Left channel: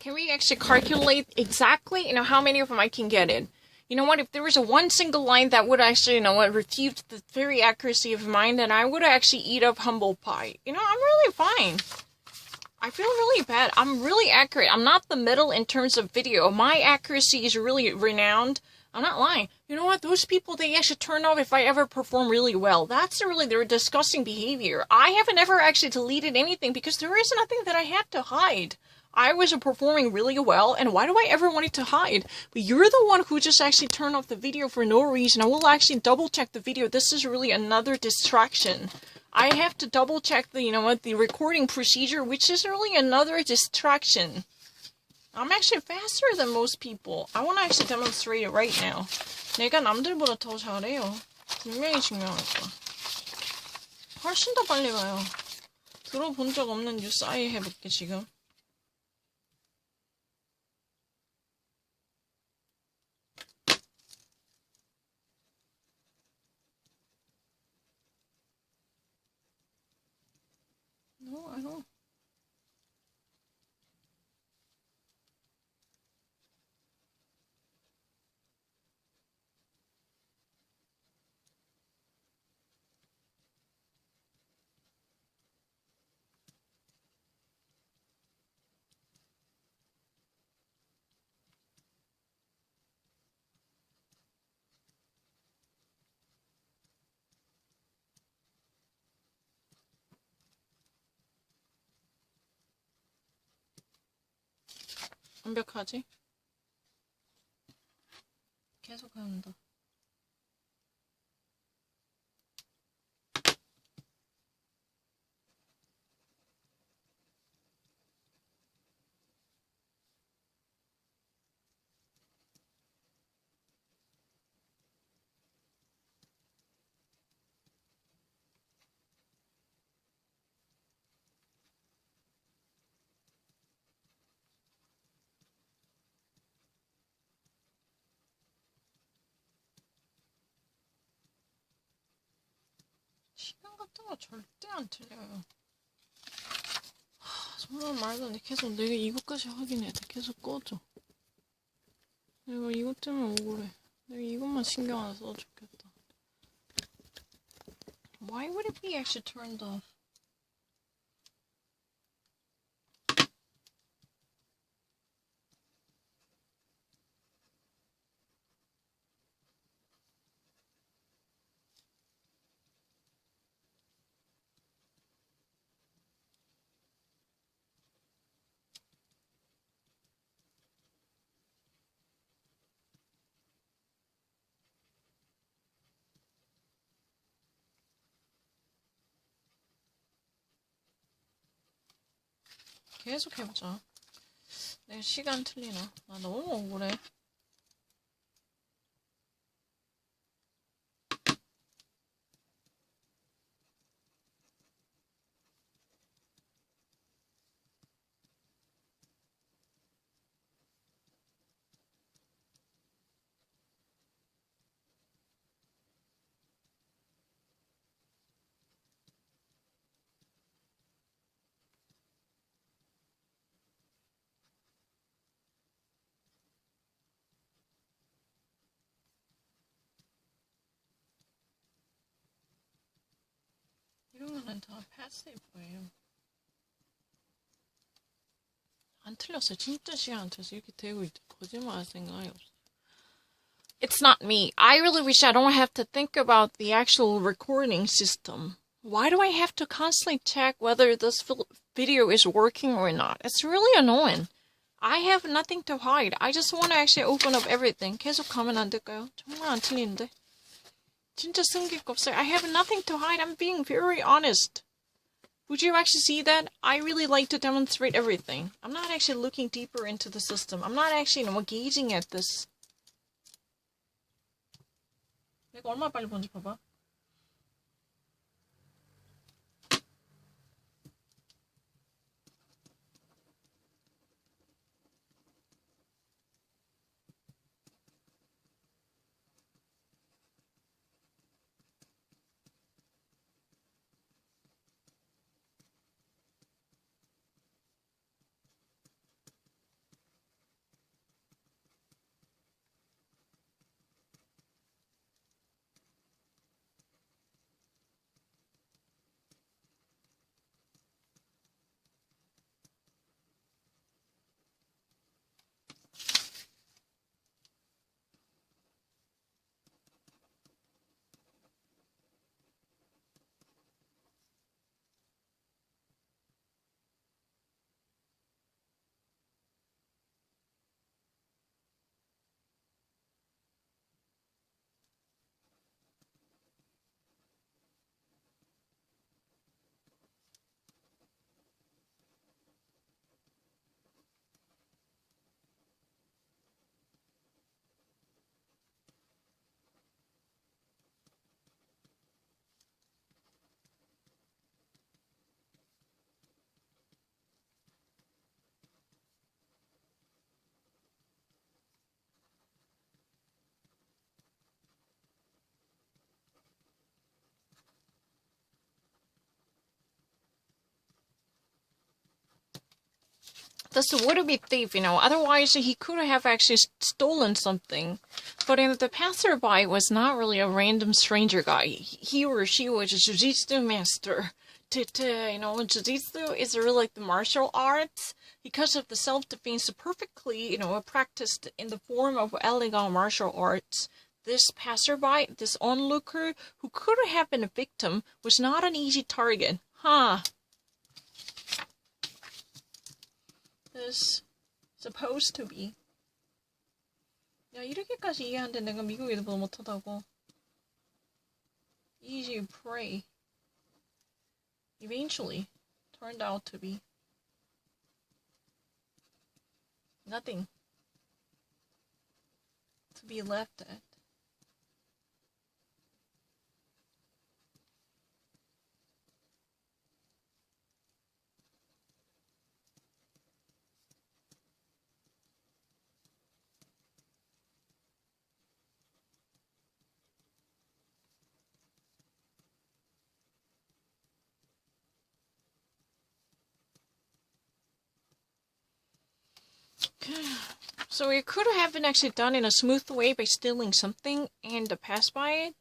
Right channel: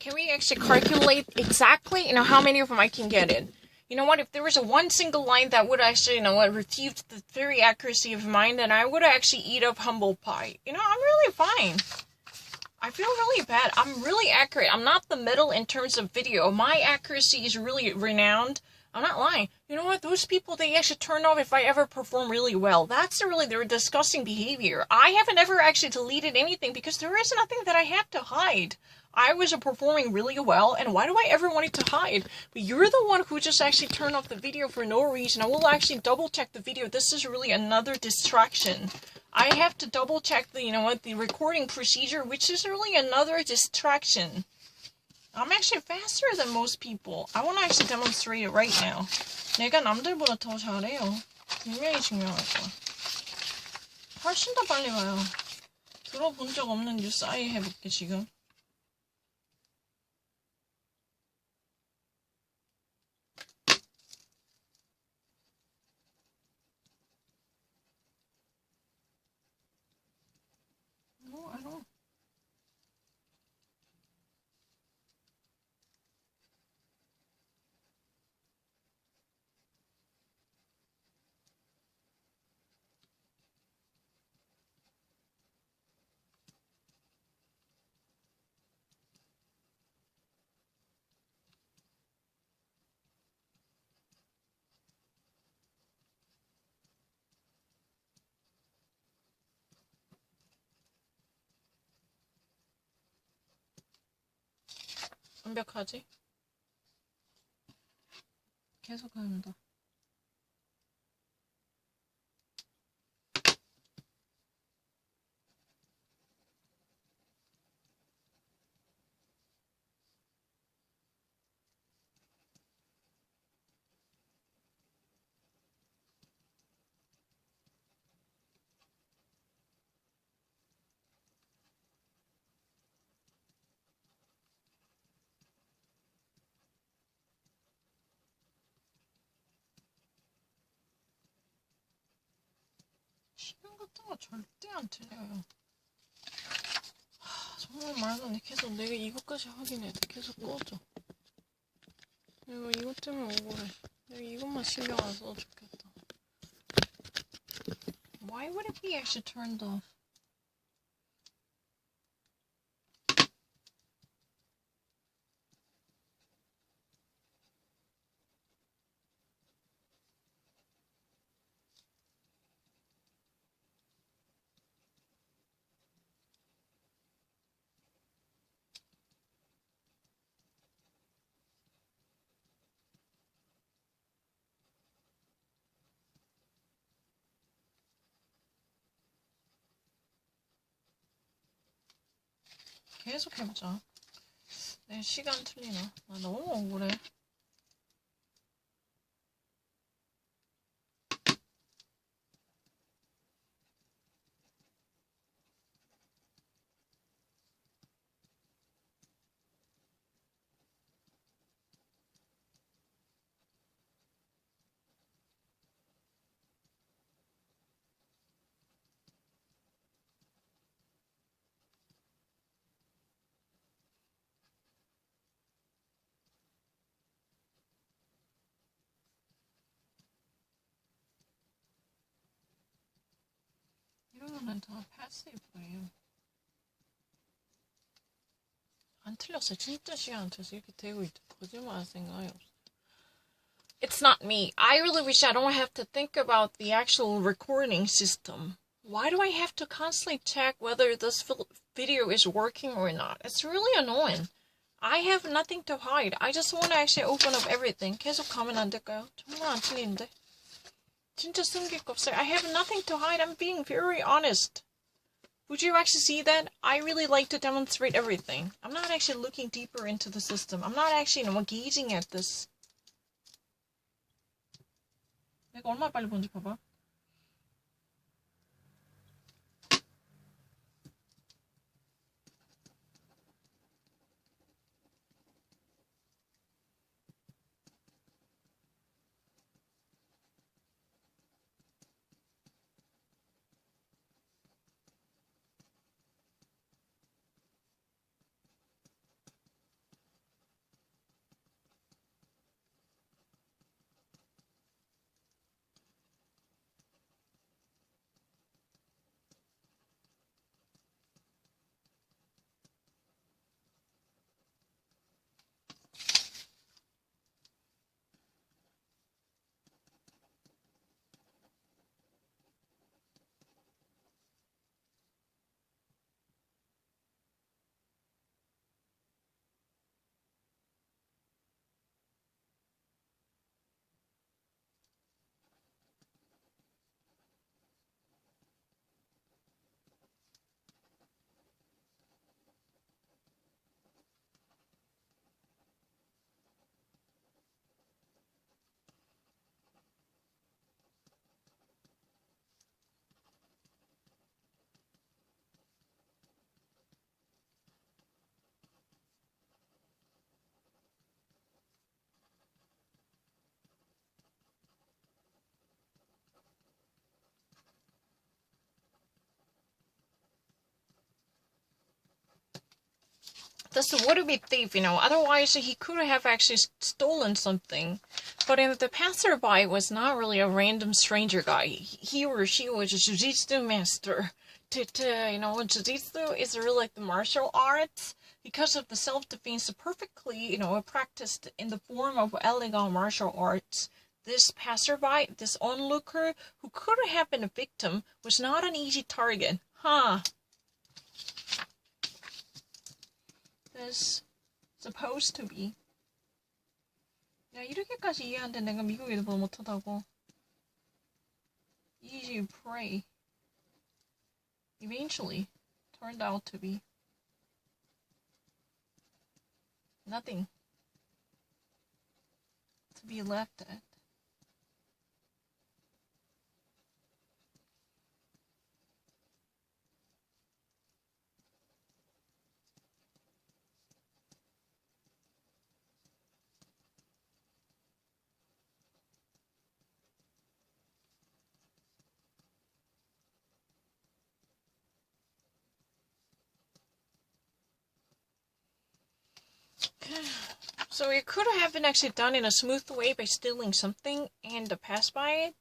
Can we actually calculate exactly, how many of them I can get in? You know what, if there was a one single line that would actually, refute the very accuracy of mine, then I would actually eat up humble pie. I'm really fine. I feel really bad. I'm really accurate. I'm not the middle in terms of video. My accuracy is really renowned. I'm not lying. You know what? Those people, they actually turn off if I ever perform really well. That's really their disgusting behavior. I haven't ever actually deleted anything because there is nothing that I have to hide. I was performing really well, and why do I ever want it to hide? But you're the one who just actually turned off the video for no reason. I will actually double check the video. This is really another distraction. I have to double check the recording procedure, which is really another distraction. I'm actually faster than most people. I want to actually demonstrate it right now. 내가 남들보다 더 잘해요. 분명히 증명할 거야. 훨씬 더 빨리 가요. 들어본 적 없는 뉴스 아예 해볼게, 지금. No, I don't. 완벽하지? 계속 한다. 시간 같은 거 절대 안 틀려요. 정말 말도 안 돼. 계속 내가 이것까지 확인해야 돼. 계속 꺼져. 내가 이것 때문에 억울해. 내가 이것만 신경 안 써도 좋겠다. Why would it be actually turned off? 계속 해보자. 내 시간 틀리나? 나 너무 억울해. 이런 거는 다 패시브예요. 안 틀렸어. 진짜 시간 안 틀렸어. 이렇게 되고 있죠. 거짓말할 생각이 없어. It's not me. I really wish I don't have to think about the actual recording system. Why do I have to constantly check whether this video is working or not? It's really annoying. I have nothing to hide. I just want to actually open up everything. 계속 가면 안 될까요? 정말 안 틀리는데. 진짜 숨길 거 없어요. I have nothing to hide. I'm being very honest. Would you actually see that? I really like to demonstrate everything. I'm not actually looking deeper into the system. I'm not actually gazing at this. 내가 얼마나 빨리 본지 봐봐. This would be thief, otherwise he could have actually stolen something. But the passerby was not really a random stranger guy. He or she was a jiu-jitsu master. Jiu-jitsu is really like the martial arts because of the self-defense perfectly, practiced in the form of illegal martial arts. This passerby, this onlooker, who could have been a victim, was not an easy target. This supposed to be. 야, 이렇게까지 이해하는데 내가 미국에도 뭐 못하다고. Easy prey. Eventually turned out to be nothing to be left at. So it could have been actually done in a smooth way by stealing something, and the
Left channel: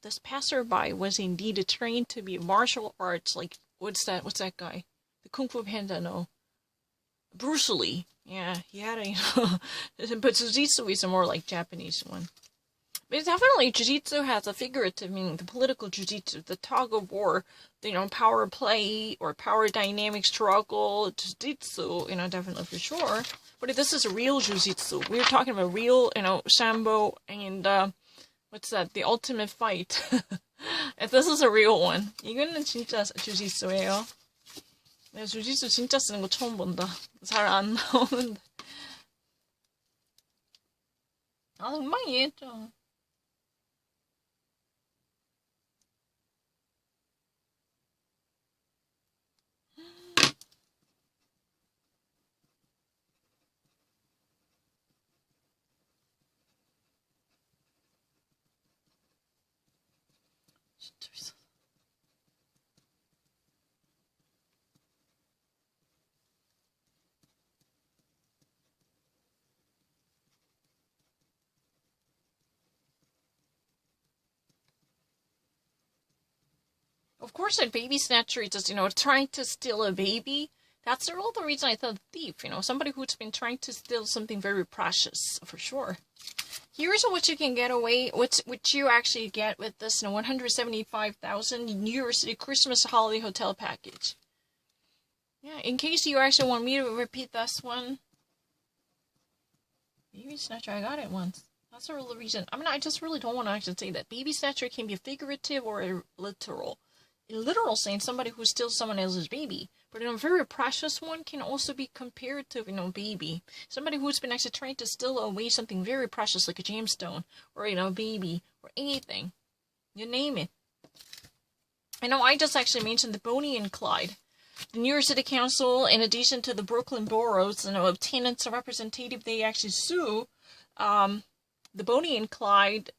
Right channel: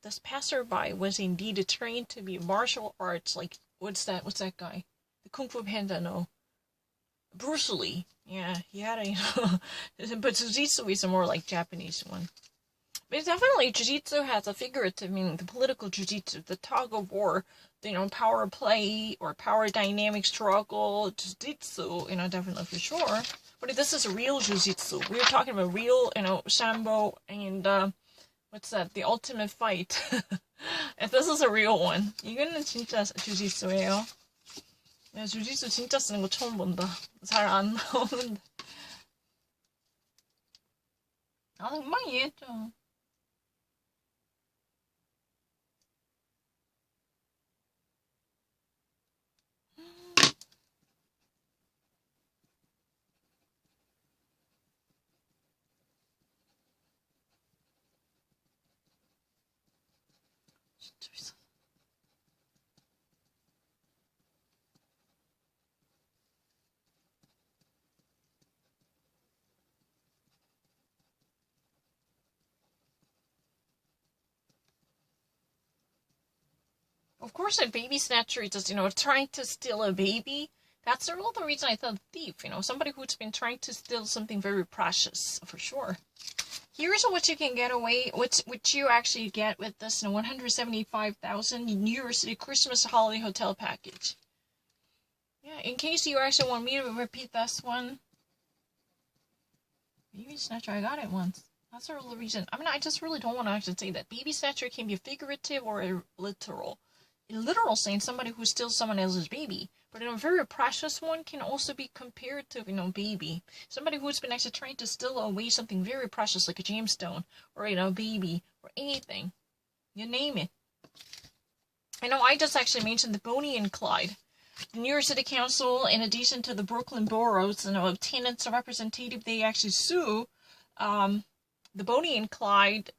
this passerby was indeed trained to be martial arts, like, what's that guy? The Kung Fu Panda, no. Bruce Lee. Yeah, he had a, but Jiu-Jitsu is a more like Japanese one. But definitely Jiu-Jitsu has a figurative meaning, the political Jiu-Jitsu, the tug of war, power play or power dynamic struggle, Jiu-Jitsu, definitely for sure. But if this is a real Jiu-Jitsu, we're talking about real, Sambo and, what's that, the ultimate fight. If this is a real one, 이거는 진짜 Jiu-Jitsu예요. 내가 Jiu-Jitsu 진짜 쓰는 거 처음 본다. 잘 안 나오는데. 금방 이해했죠. Of course, a baby snatcher is just, trying to steal a baby. That's the real reason I thought thief, somebody who's been trying to steal something very precious, for sure. Here's what you can get away, what you actually get with this, 175,000 New York City Christmas holiday hotel package. Yeah, in case you actually want me to repeat this one. Baby snatcher, I got it once. That's the real reason. I just really don't want to actually say that. Baby snatcher can be figurative or literal. In literal sense, somebody who steals someone else's baby. But a very precious one can also be compared to, baby. Somebody who's been actually trying to steal away something very precious, like a gemstone, or, baby, or anything. You name it. I just actually mentioned the Bonnie and Clyde. The New York City Council, in addition to the Brooklyn boroughs, of tenants representative, they actually sue, the Bonnie and Clyde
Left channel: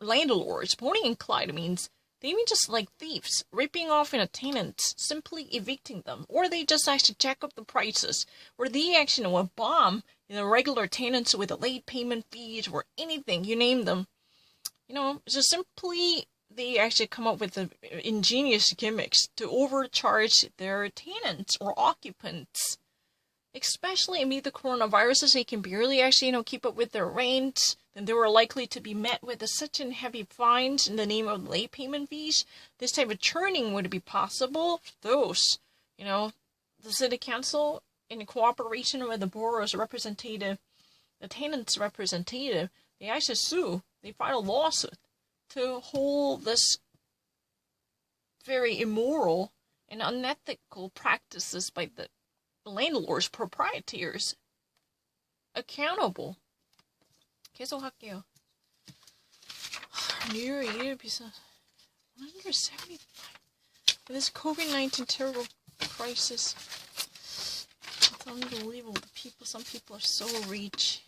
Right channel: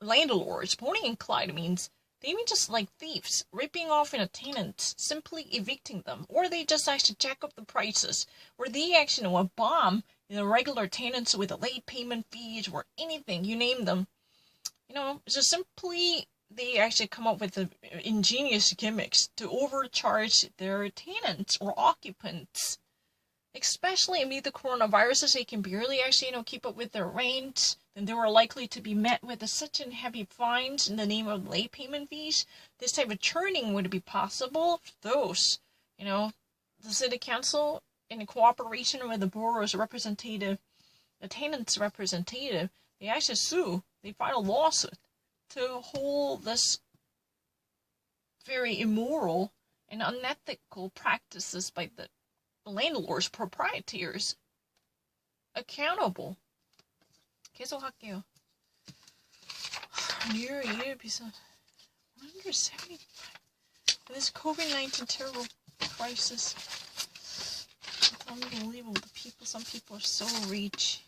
landlords. Bonnie and Clyde means they mean just like thieves, ripping off tenants, simply evicting them, or they just actually jack up the prices, or they actually bomb regular tenants with late payment fees or anything, you name them. So simply they actually come up with ingenious gimmicks to overcharge their tenants or occupants. Especially amid the coronavirus, they can barely actually, keep up with their rent, then they were likely to be met with such heavy fines in the name of late payment fees. This type of churning would be possible. Those, the city council, in cooperation with the borough's representative, the tenant's representative, they actually sue. They filed a lawsuit to hold this very immoral and unethical practices by the landlords, proprietors, accountable. 계속 할게요. New Year 비싸. 175. This COVID-19 terrible crisis. It's unbelievable. Some people are so rich.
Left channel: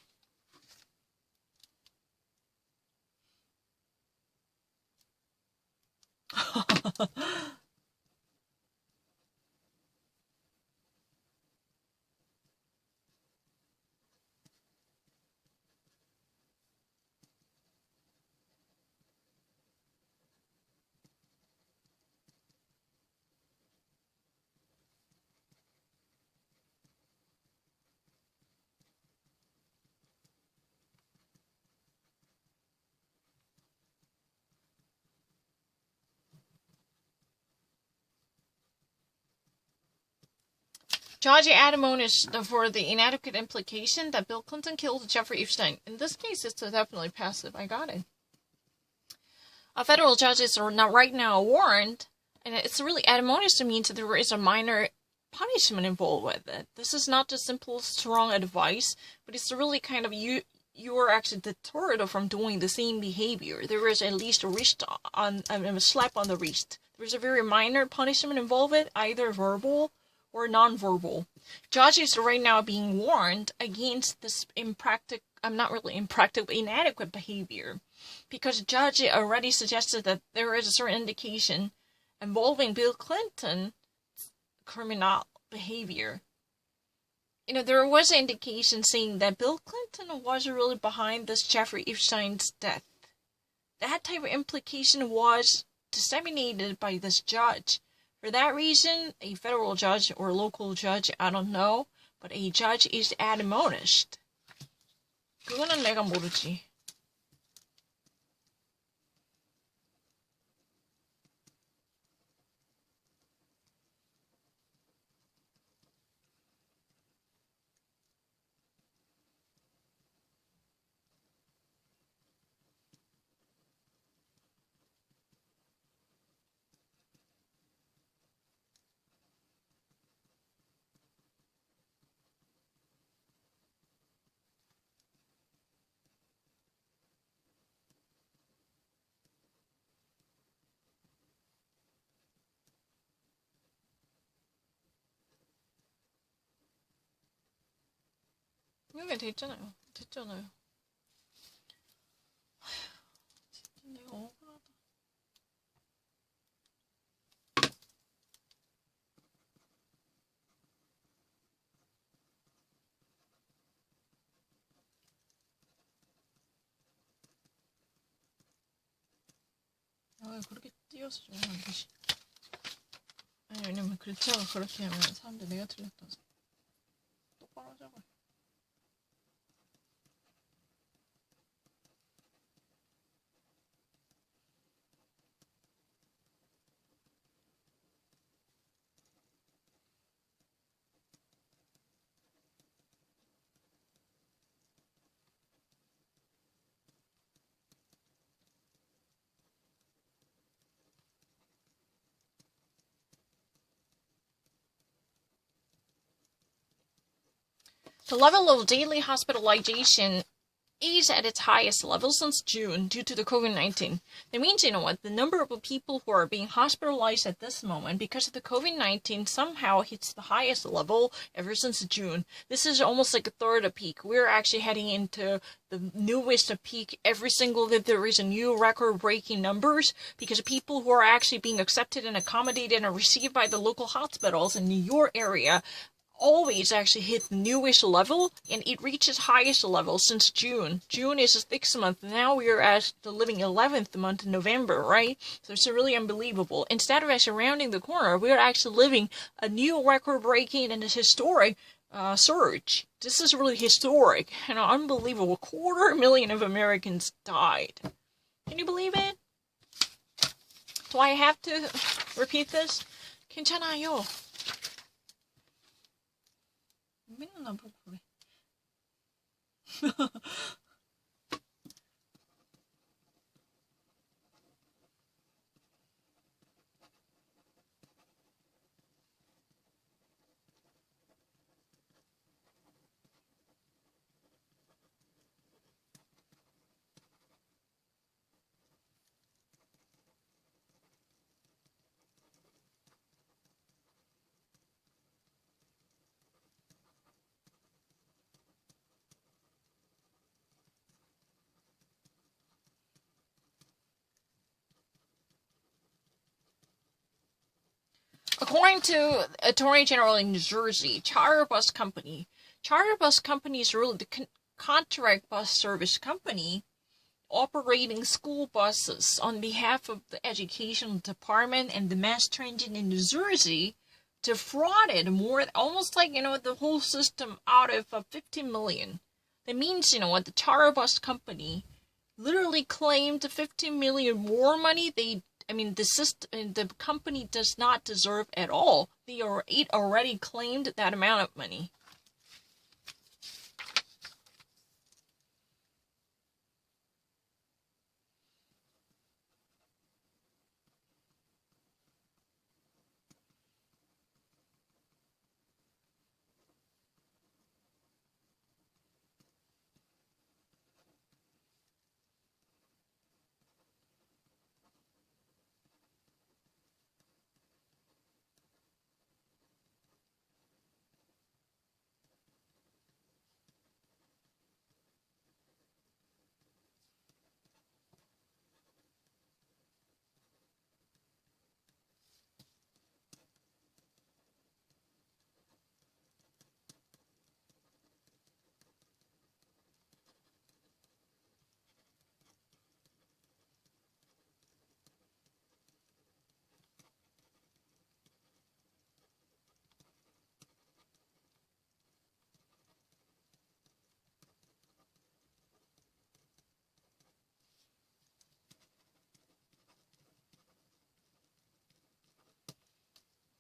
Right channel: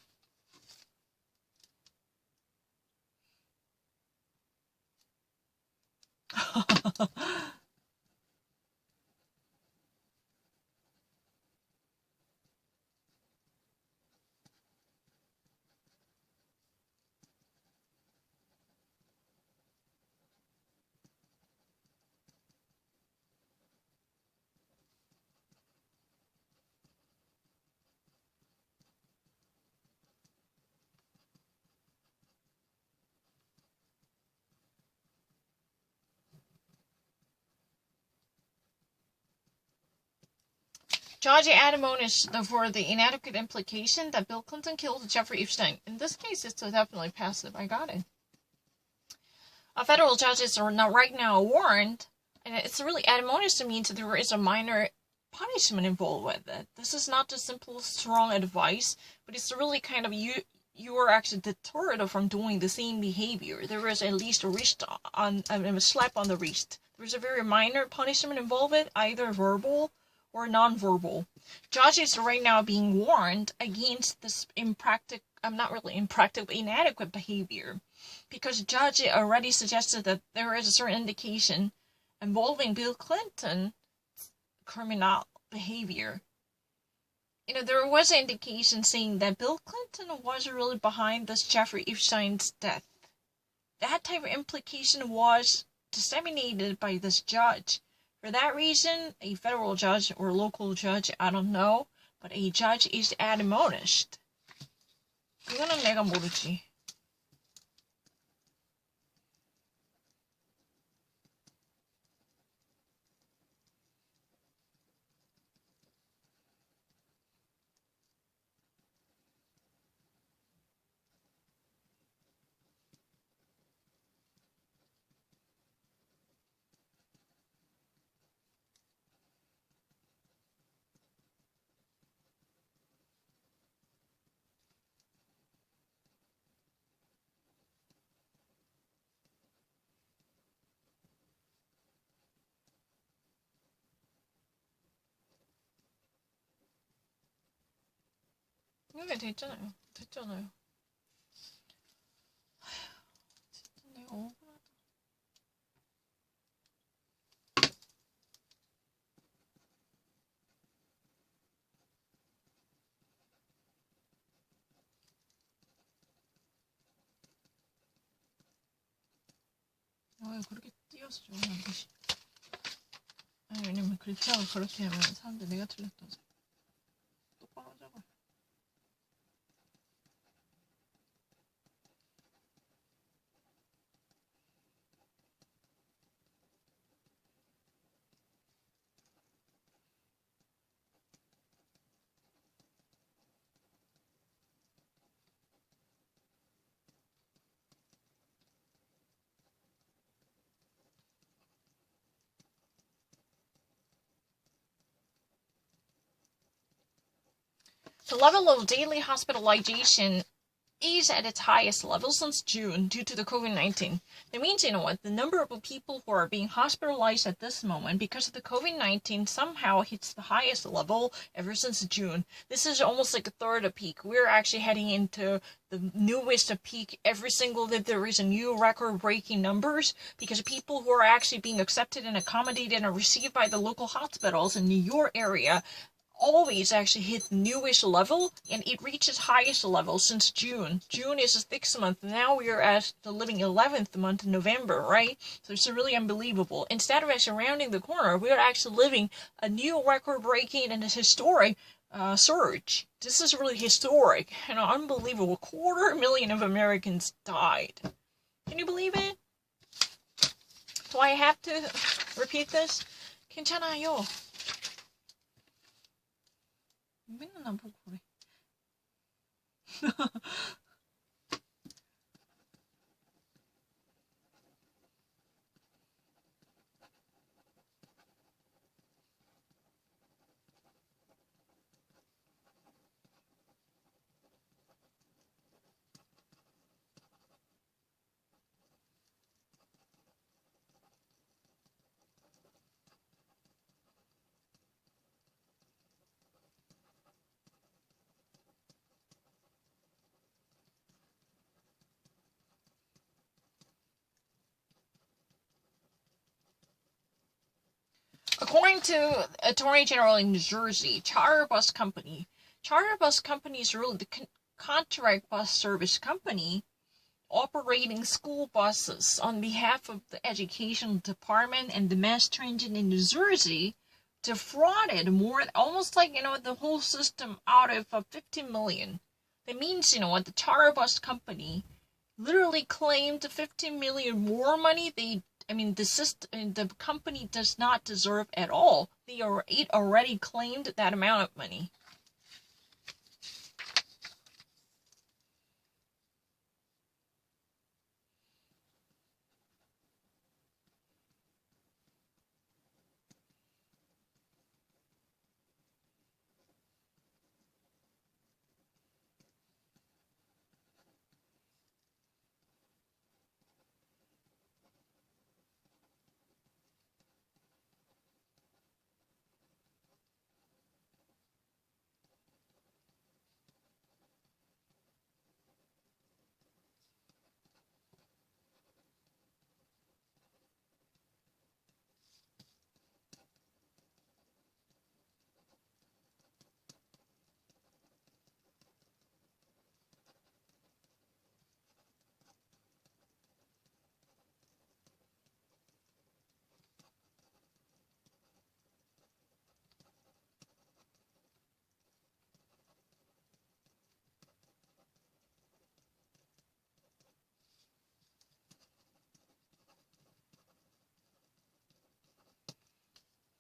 Judge admonished for the inadequate implication that Bill Clinton killed Jeffrey Epstein. In this case, it's definitely passive. I got it. Federal judges are now right now warned, and it's really admonished to mean that there is a minor punishment involved with it. This is not just simple, strong advice, but it's really kind of you are actually deterred from doing the same behavior. There is at least a wrist on a slap on the wrist. There's a very minor punishment involved with either verbal or non-verbal. Judges are right now being warned against this inadequate behavior, because the judge already suggested that there is a certain indication involving Bill Clinton's criminal behavior. There was an indication saying that Bill Clinton was really behind this Jeffrey Epstein's death. That type of implication was disseminated by this judge. For that reason, a federal judge or local judge, I don't know, but a judge is admonished. 그거는 내가 모르지. 이게 됐잖아요. 됐잖아요. 내가 억울하다. 그렇게 띄어서 좀 하는 것이. 아니, 왜냐면 글자가 그렇게 하면 사람들이 내가 틀렸다고 똑바로 하자고. The level of daily hospitalization is at its highest level since June due to the COVID-19. That means, the number of people who are being hospitalized at this moment because of the COVID-19 somehow hits the highest level ever since June. This is almost like a third of peak. We're actually heading into the newest peak every single day. There is a new record-breaking numbers because people who are actually being accepted and accommodated and received by the local hospitals in your area always actually hit the newish level, and it reaches highest level since June. June is the 6th month. Now we are at the living 11th month in November, right? So it's really unbelievable. Instead of actually rounding the corner, we are actually living a new record-breaking and a historic surge. This is really historic and unbelievable. 250,000 of Americans died. Can you believe it? Do I have to repeat this? 괜찮아요. 맨날 나보고 그래. According to Attorney General in New Jersey, Charter Bus Company is really the contract bus service company operating school buses on behalf of the Education Department and the Mass Transit in New Jersey defrauded almost like, the whole system out of 15 million. That means, the Charter Bus Company literally claimed 15 million more money they I mean, the company does not deserve at all. It already claimed that amount of money.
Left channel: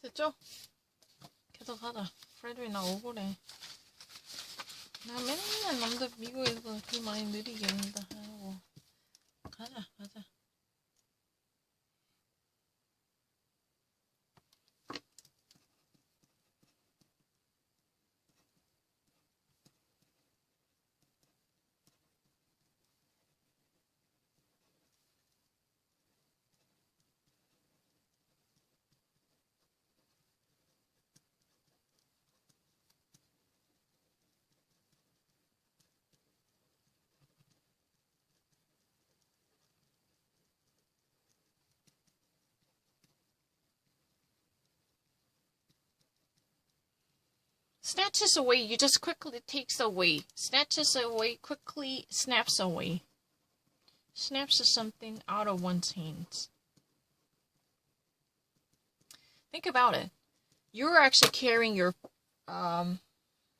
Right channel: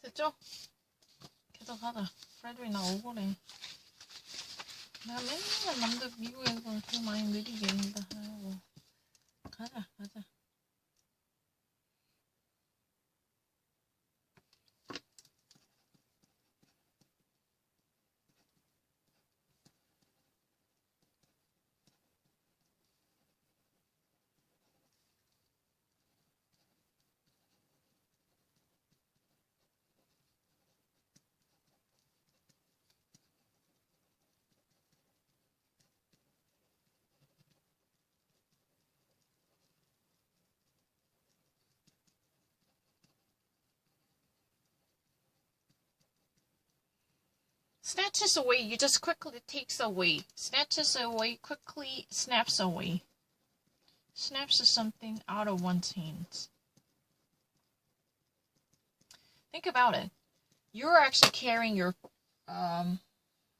됐죠? 계속 하자. 프레드이 나 오버래. 나 맨날 남들 미국에서 그 많이 느리게 한다 하고. 가자. Snatches away, you just quickly takes away. Snatches away, quickly snaps away. Snaps is something out of one's hands. Think about it. You're actually carrying your,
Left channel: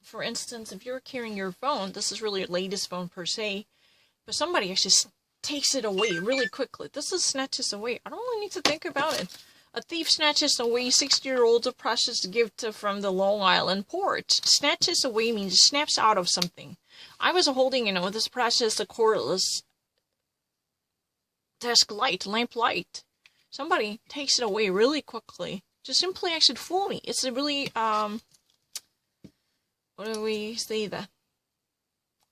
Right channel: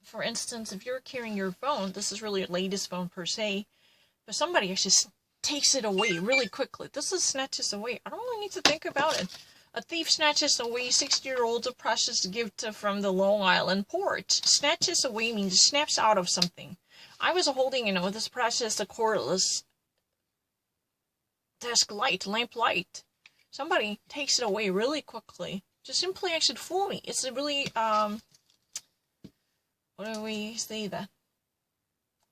for instance, if you're carrying your phone, this is really your latest phone per se, but somebody actually takes it away really quickly. This is snatches away. I don't really need to think about it. A thief snatches away 60-year-old precious gift from the Long Island port. Snatches away means snaps out of something. I was holding, this precious cordless desk light, lamp light. Somebody takes it away really quickly. Just simply actually fool me. It's a really, what do we say that?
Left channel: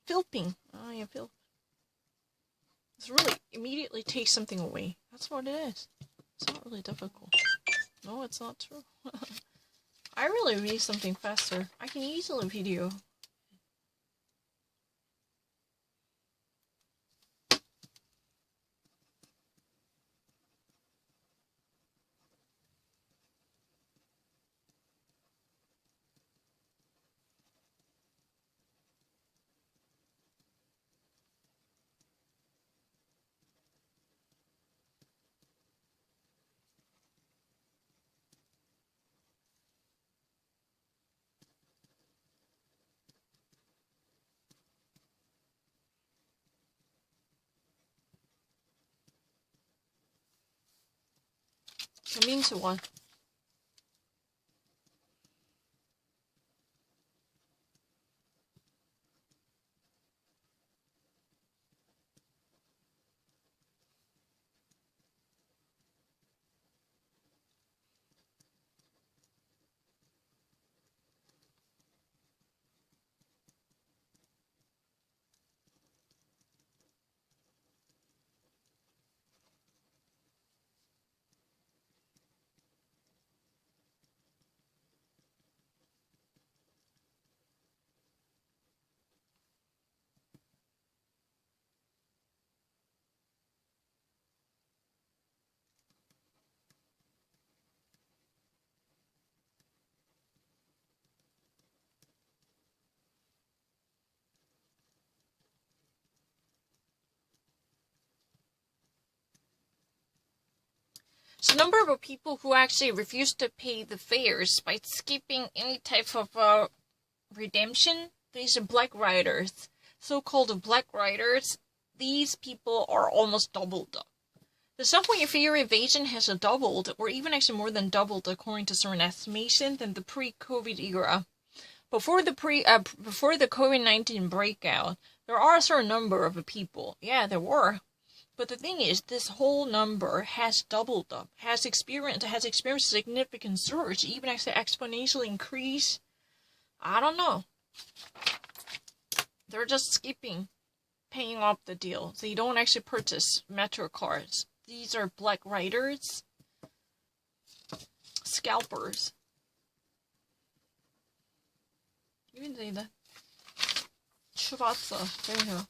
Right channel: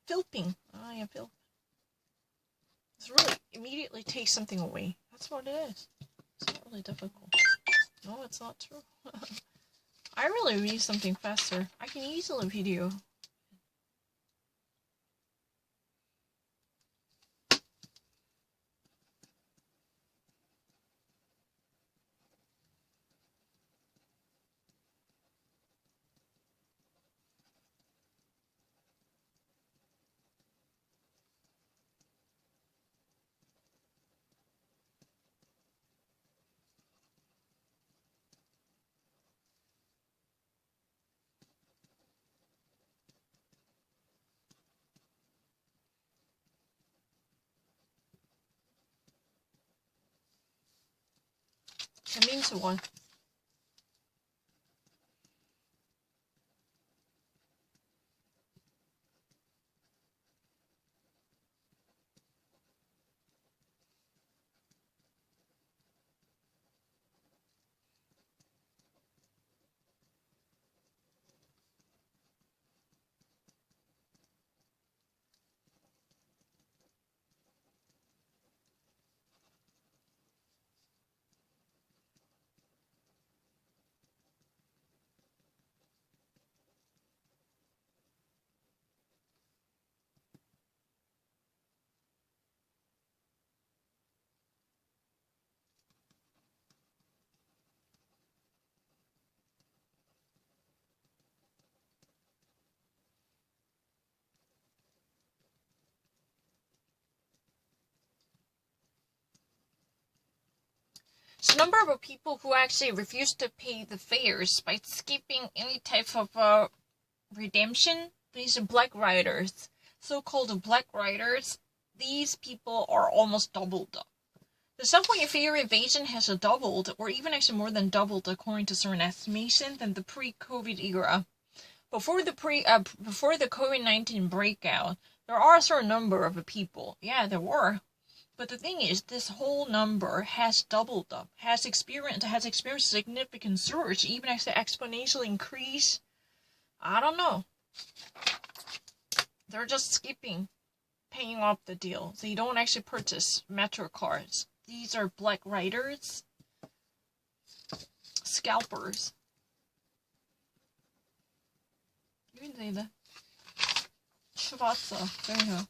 Filping. Oh yeah, filp. It's really immediately takes something away. That's what it is. It's not really difficult. No, it's not true. I really read something faster. I can easily video. That means what? So number of people who actually refuse to pay the fares by skipping any type of redemption, these are black riders. So-called black riders, these people are almost doubled up. The subway fare evasion has doubled, or even actually more than doubled, according to certain estimations, than the pre-COVID era. Before the COVID-19 breakout, there are a certain number of people. Yeah, there were. But the thing is, this whole number has doubled up, has experienced a significant surge, even actually exponential increase. I don't know. They're just skipping paying off the deal. So you don't actually purchase Metro cards. These are black riders, scalpers. You can say that. Shibatsu. There you go.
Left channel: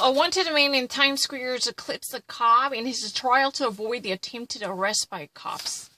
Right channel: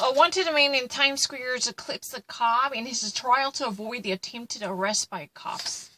A wanted man in Times Square eclipsed a cop in his trial to avoid the attempted arrest by cops.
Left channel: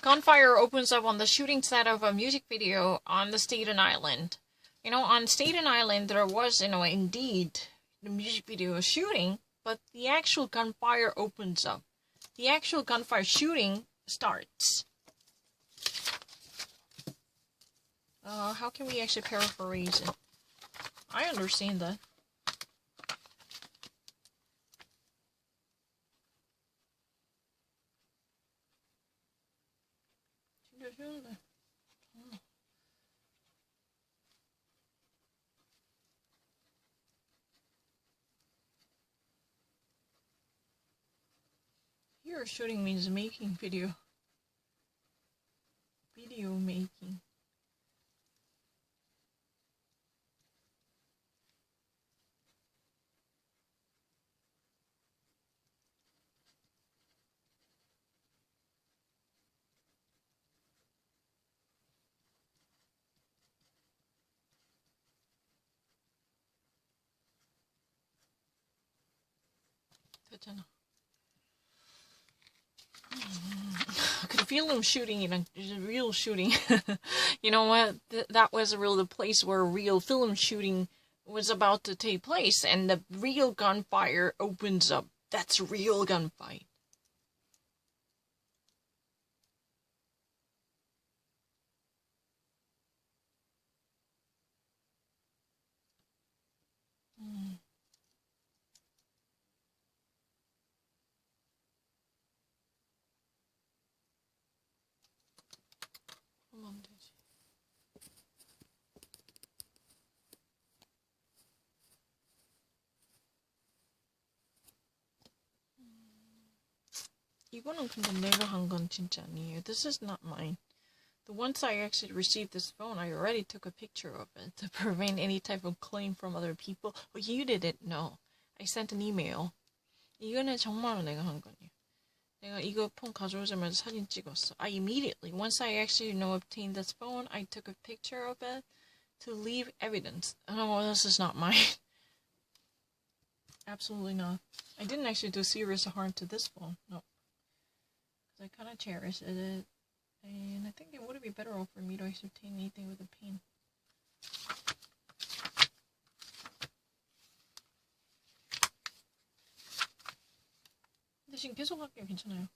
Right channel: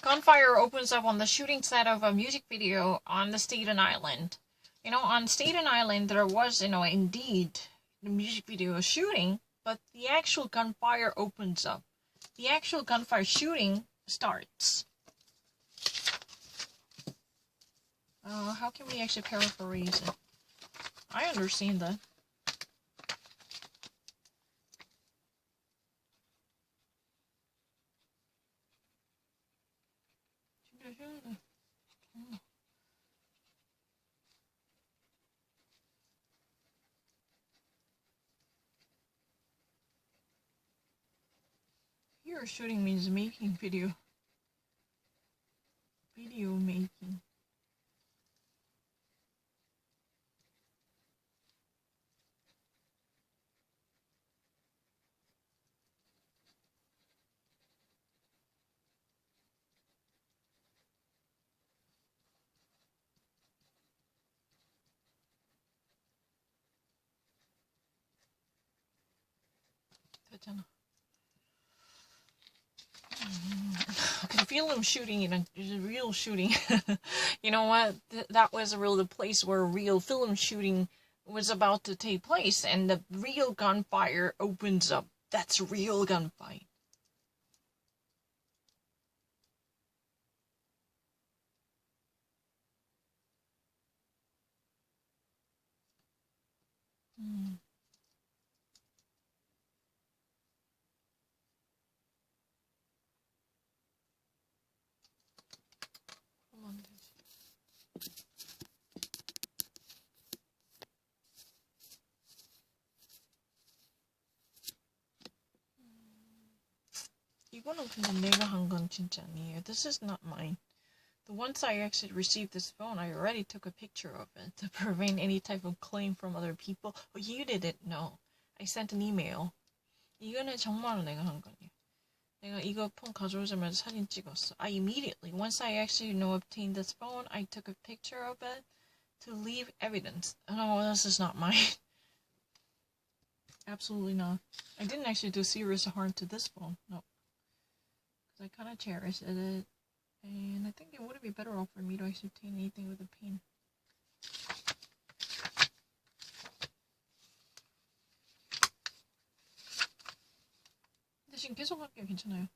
Gunfire opens up on the shooting set of a music video on the Staten Island. On Staten Island, there was, indeed the music video shooting, but the actual gunfire opens up. The actual gunfire shooting starts. How can we actually paraphrase it? I understand that. Here, shooting means making video. Video making. I could feel him shooting in a real shooting. You know what? That was the place where real film shooting was about to take place, and the real gunfire opens up. That's real gunfight. 이거는 근데 내가 한 건 진짜 아니에요. This is not mine. The once I actually received this phone, I already took a picture of it to prevent any type of claim from other people. But you didn't know. I sent an email. 이거는 정말로 내가 한 거냐. 내가 이거 폰 가져오자마자 사진 찍었어. I immediately, once I actually obtained this phone, I took a picture of it to leave evidence. No, this is not mine. Absolutely not. I didn't actually do serious harm to this phone. No. Because I kind of cherish it. And I think it would be better off for me to actually obtain anything with a pin. 근데 지금 계속 할게요. 괜찮아요.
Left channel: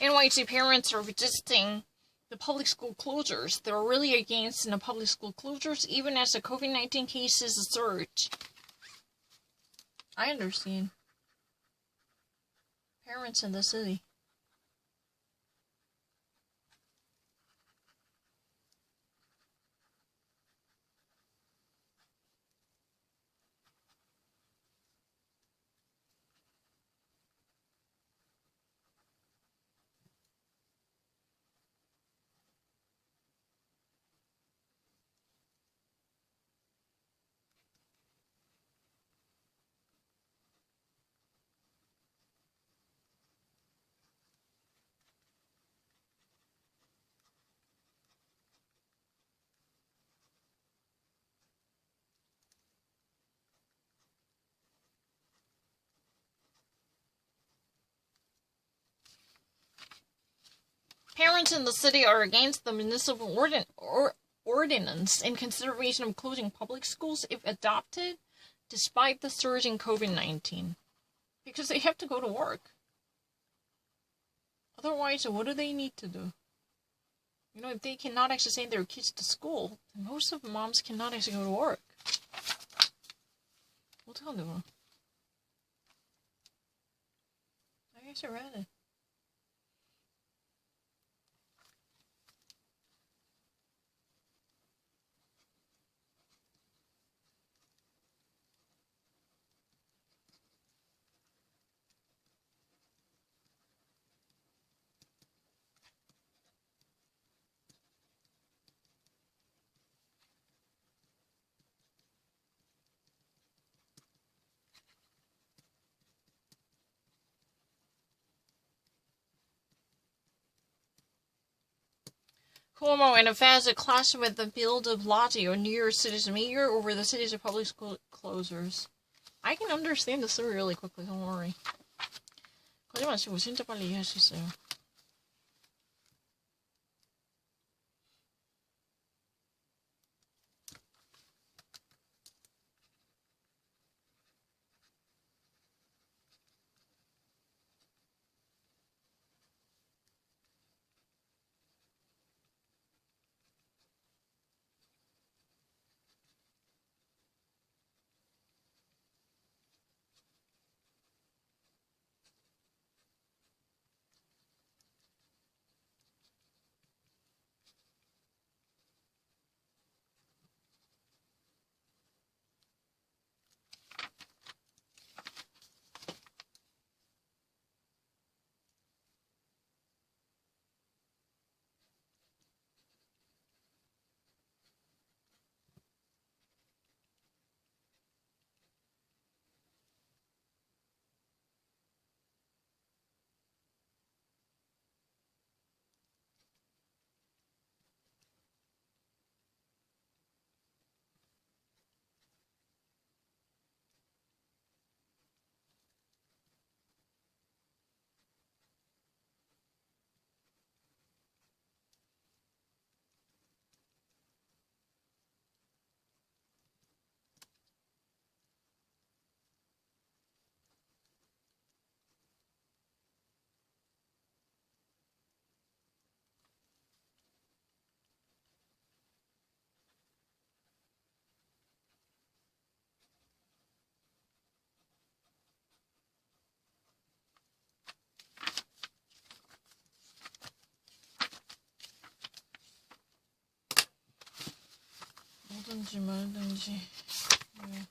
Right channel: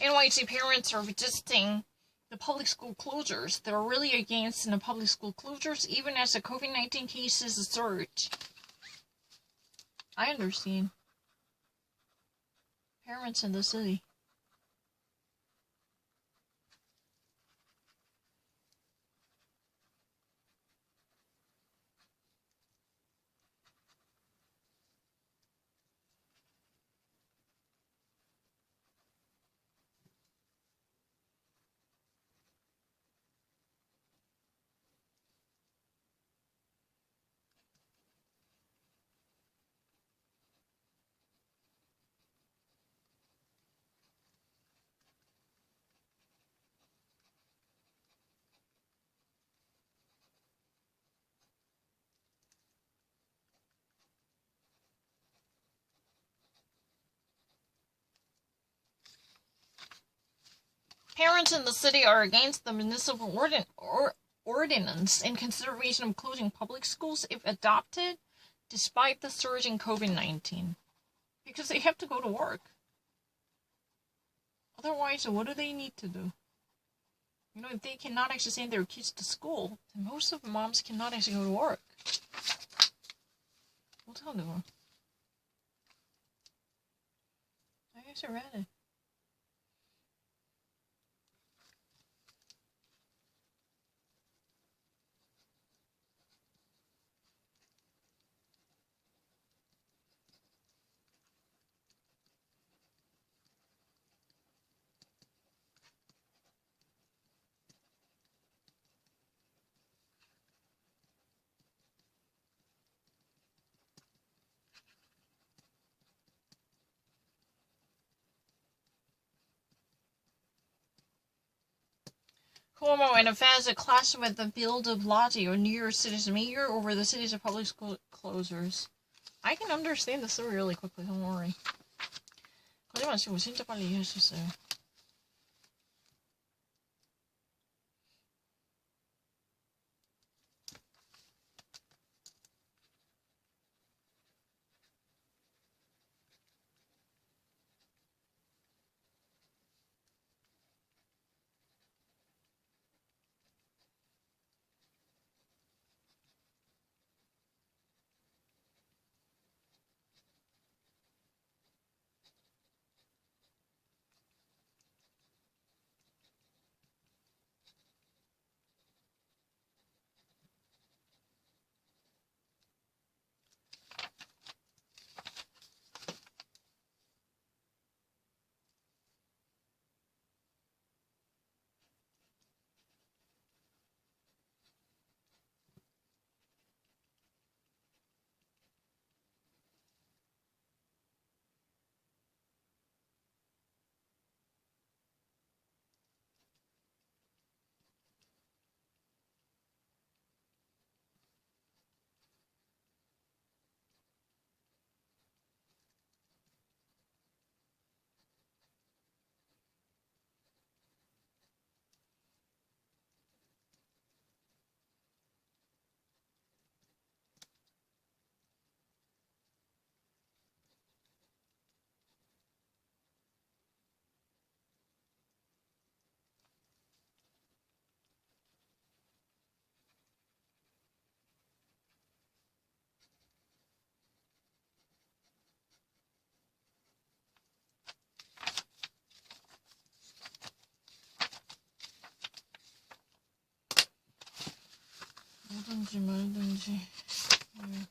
NYC parents are resisting the public school closures. They're really against the public school closures, even as the COVID-19 cases surge. I understand. Parents in the city. Parents in the city are against the municipal ordinance in consideration of closing public schools if adopted, despite the surge in COVID-19. Because they have to go to work. Otherwise, what do they need to do? You know, if they cannot actually send their kids to school, then most of the moms cannot actually go to work. 어떡하는 I guess I read it. Cuomo and Avanza clash with the Bill de Blasio, New York City's mayor, over the city's public school closures. I can understand the story really quickly, don't worry. 거짓말 치고 진짜 빨리 이해할 수 있어요. 하든지 말든지. 네.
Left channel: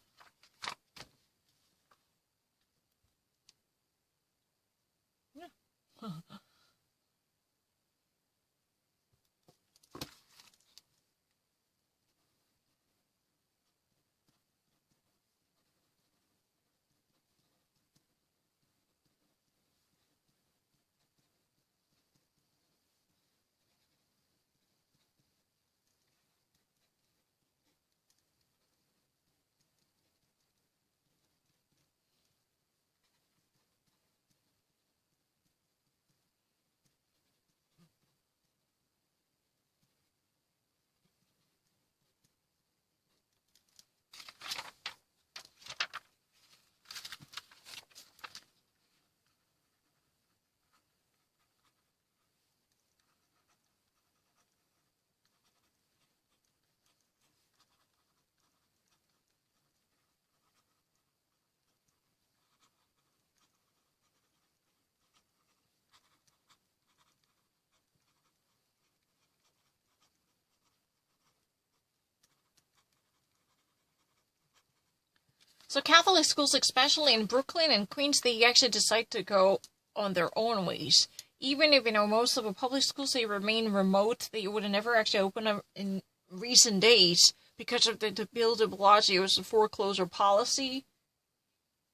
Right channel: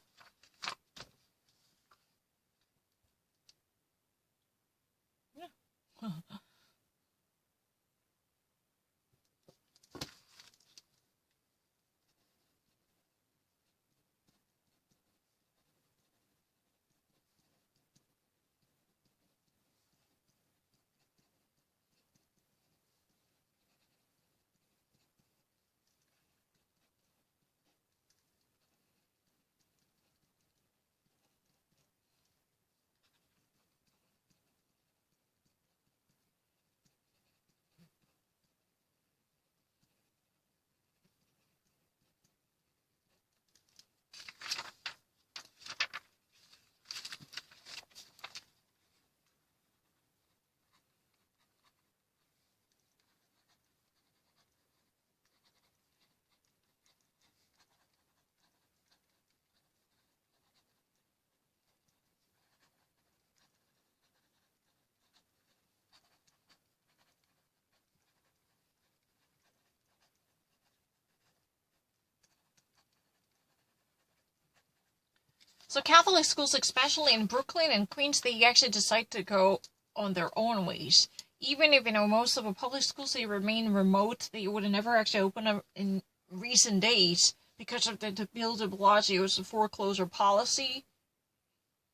So Catholic schools, especially in Brooklyn and Queens, they actually decide to go on their own ways. Even if, most of the public schools, they remain remote, they would never actually open up in recent days because of the Bill de Blasio's foreclosure policy.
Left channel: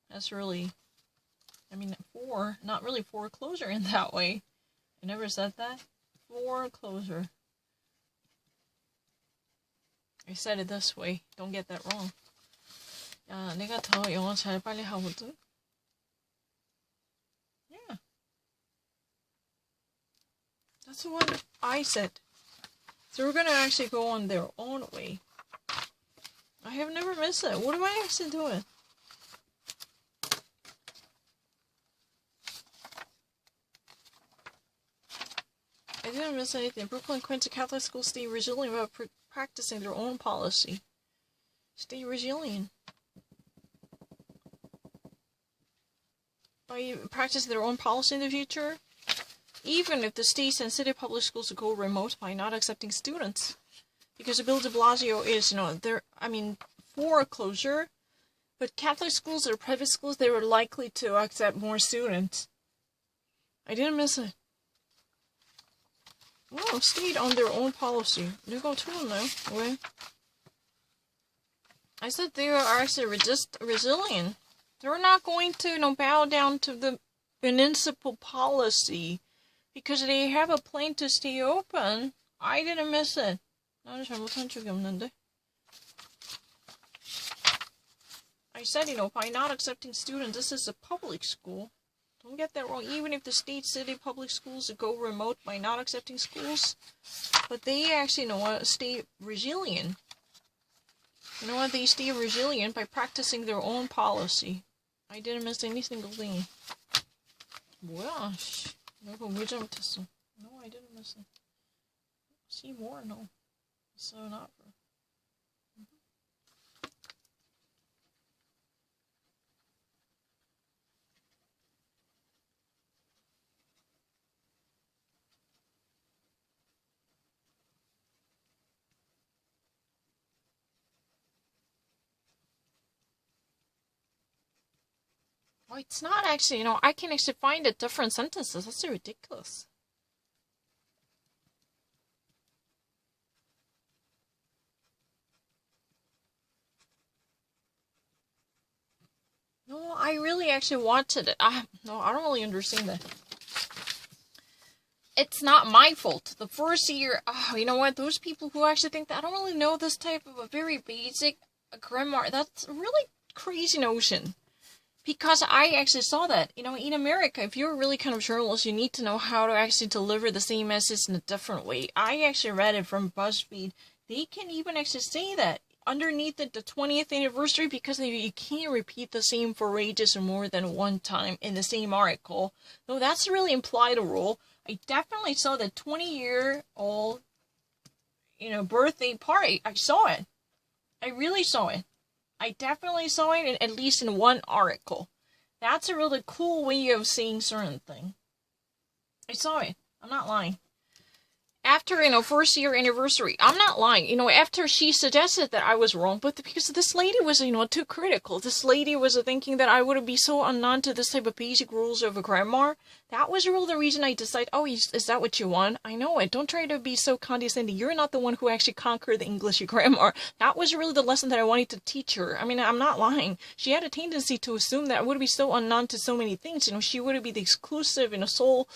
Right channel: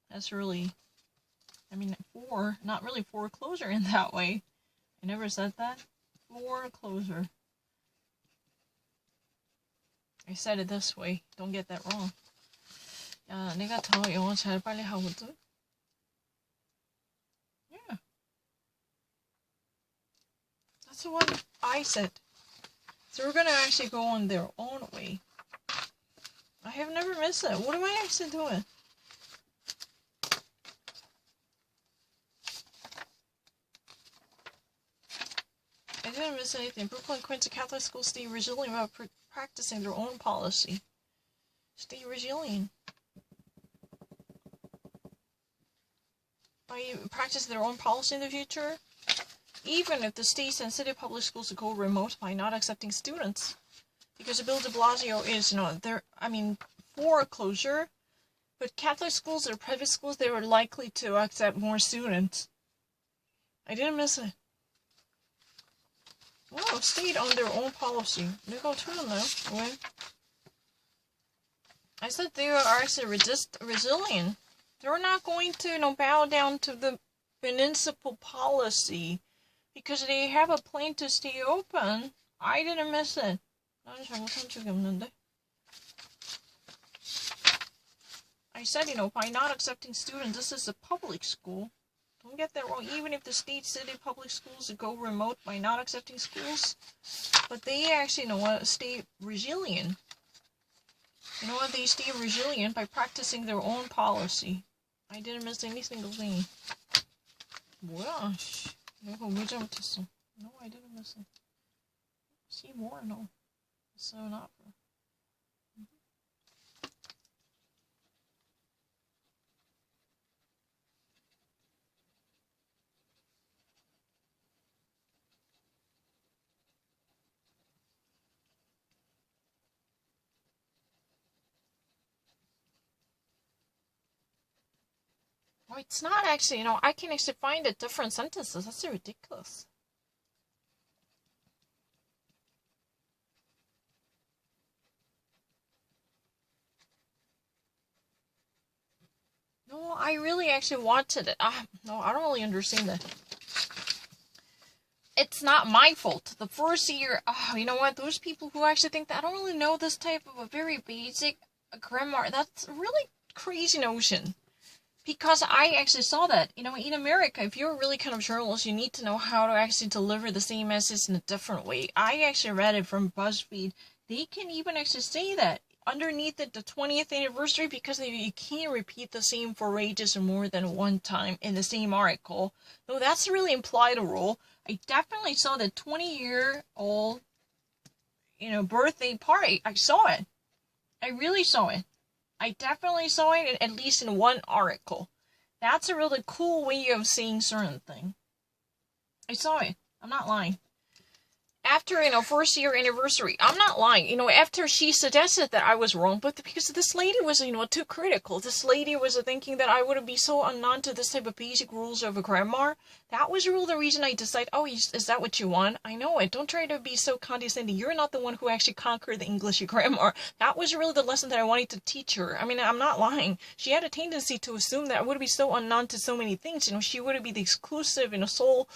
That's really, not really foreclosure in that way. I never said that. Foreclosure. I said it this way. Don't get that wrong. 야, 내가 더 영어 잘 빨리 하거든? Yeah. That's what I said. So we're gonna actually go on their own way. I have never missed it. What am I actually doing? I didn't miss anything. Brooklyn Queens Catholic schools stay resilient while practicing their own policy. Stay resilient. By practicing their own policy in the future, even if the states and city public schools go remote by not accepting students. Because Bill de Blasio is, for closure, but Catholic schools or private schools, they were likely to accept more students. I didn't miss it. Wow, stayed on their own policy. 내가 틀렸나요? 왜? I said they are actually resilient. They're not going to bow down to the municipal policy because they have a plan to stay open. I didn't miss it. 나는 잘못한 적이 없는데. I said, by not accepting students, this is a public school. Don't get that wrong. Even if the state, city, public schools go remote by not accepting schools, but they actually, stay resilient. They stay resilient by practicing their own policy. I didn't miss any single thing. 뭐야, 씨. 내가 왜 잘못했어? No, I didn't miss it. See more? No. So not for... Oh, it's not actually, I can actually find the different sentences. That's so ridiculous. No, I really actually wanted it. No, I don't really understand that. It's not my fault. The first year, you know what? Those people who actually think that I don't really know this type of a very basic grammar, that's a really crazy notion. Because I actually saw that, in America, if you're really kind of journalist, you need to know how to actually deliver the same message in a different way. I actually read it from BuzzFeed. They can even actually say that underneath it, the 20th anniversary, because you can't repeat the same phrases more than one time in the same article. Though that's really implied a rule. I definitely saw the 20-year-old, birthday party. I saw it. I really saw it. I definitely saw it at least in one article. That's a really cool way of seeing certain thing. I saw it. I'm not lying. after, first year anniversary, I'm not lying, after she suggested that I was wrong, but because this lady was, too critical. This lady was thinking that I wouldn't be so unknown to this type of basic rules of a grammar. That was really the reason I decided, oh, is that what you want? I know it. Don't try to be so condescending. You're not the one who actually conquered the English grammar. That was really the lesson that I wanted to teach her. I mean, I'm not lying. She had a tendency to assume that I would be so unknown to so many things. She would be the exclusive, sole,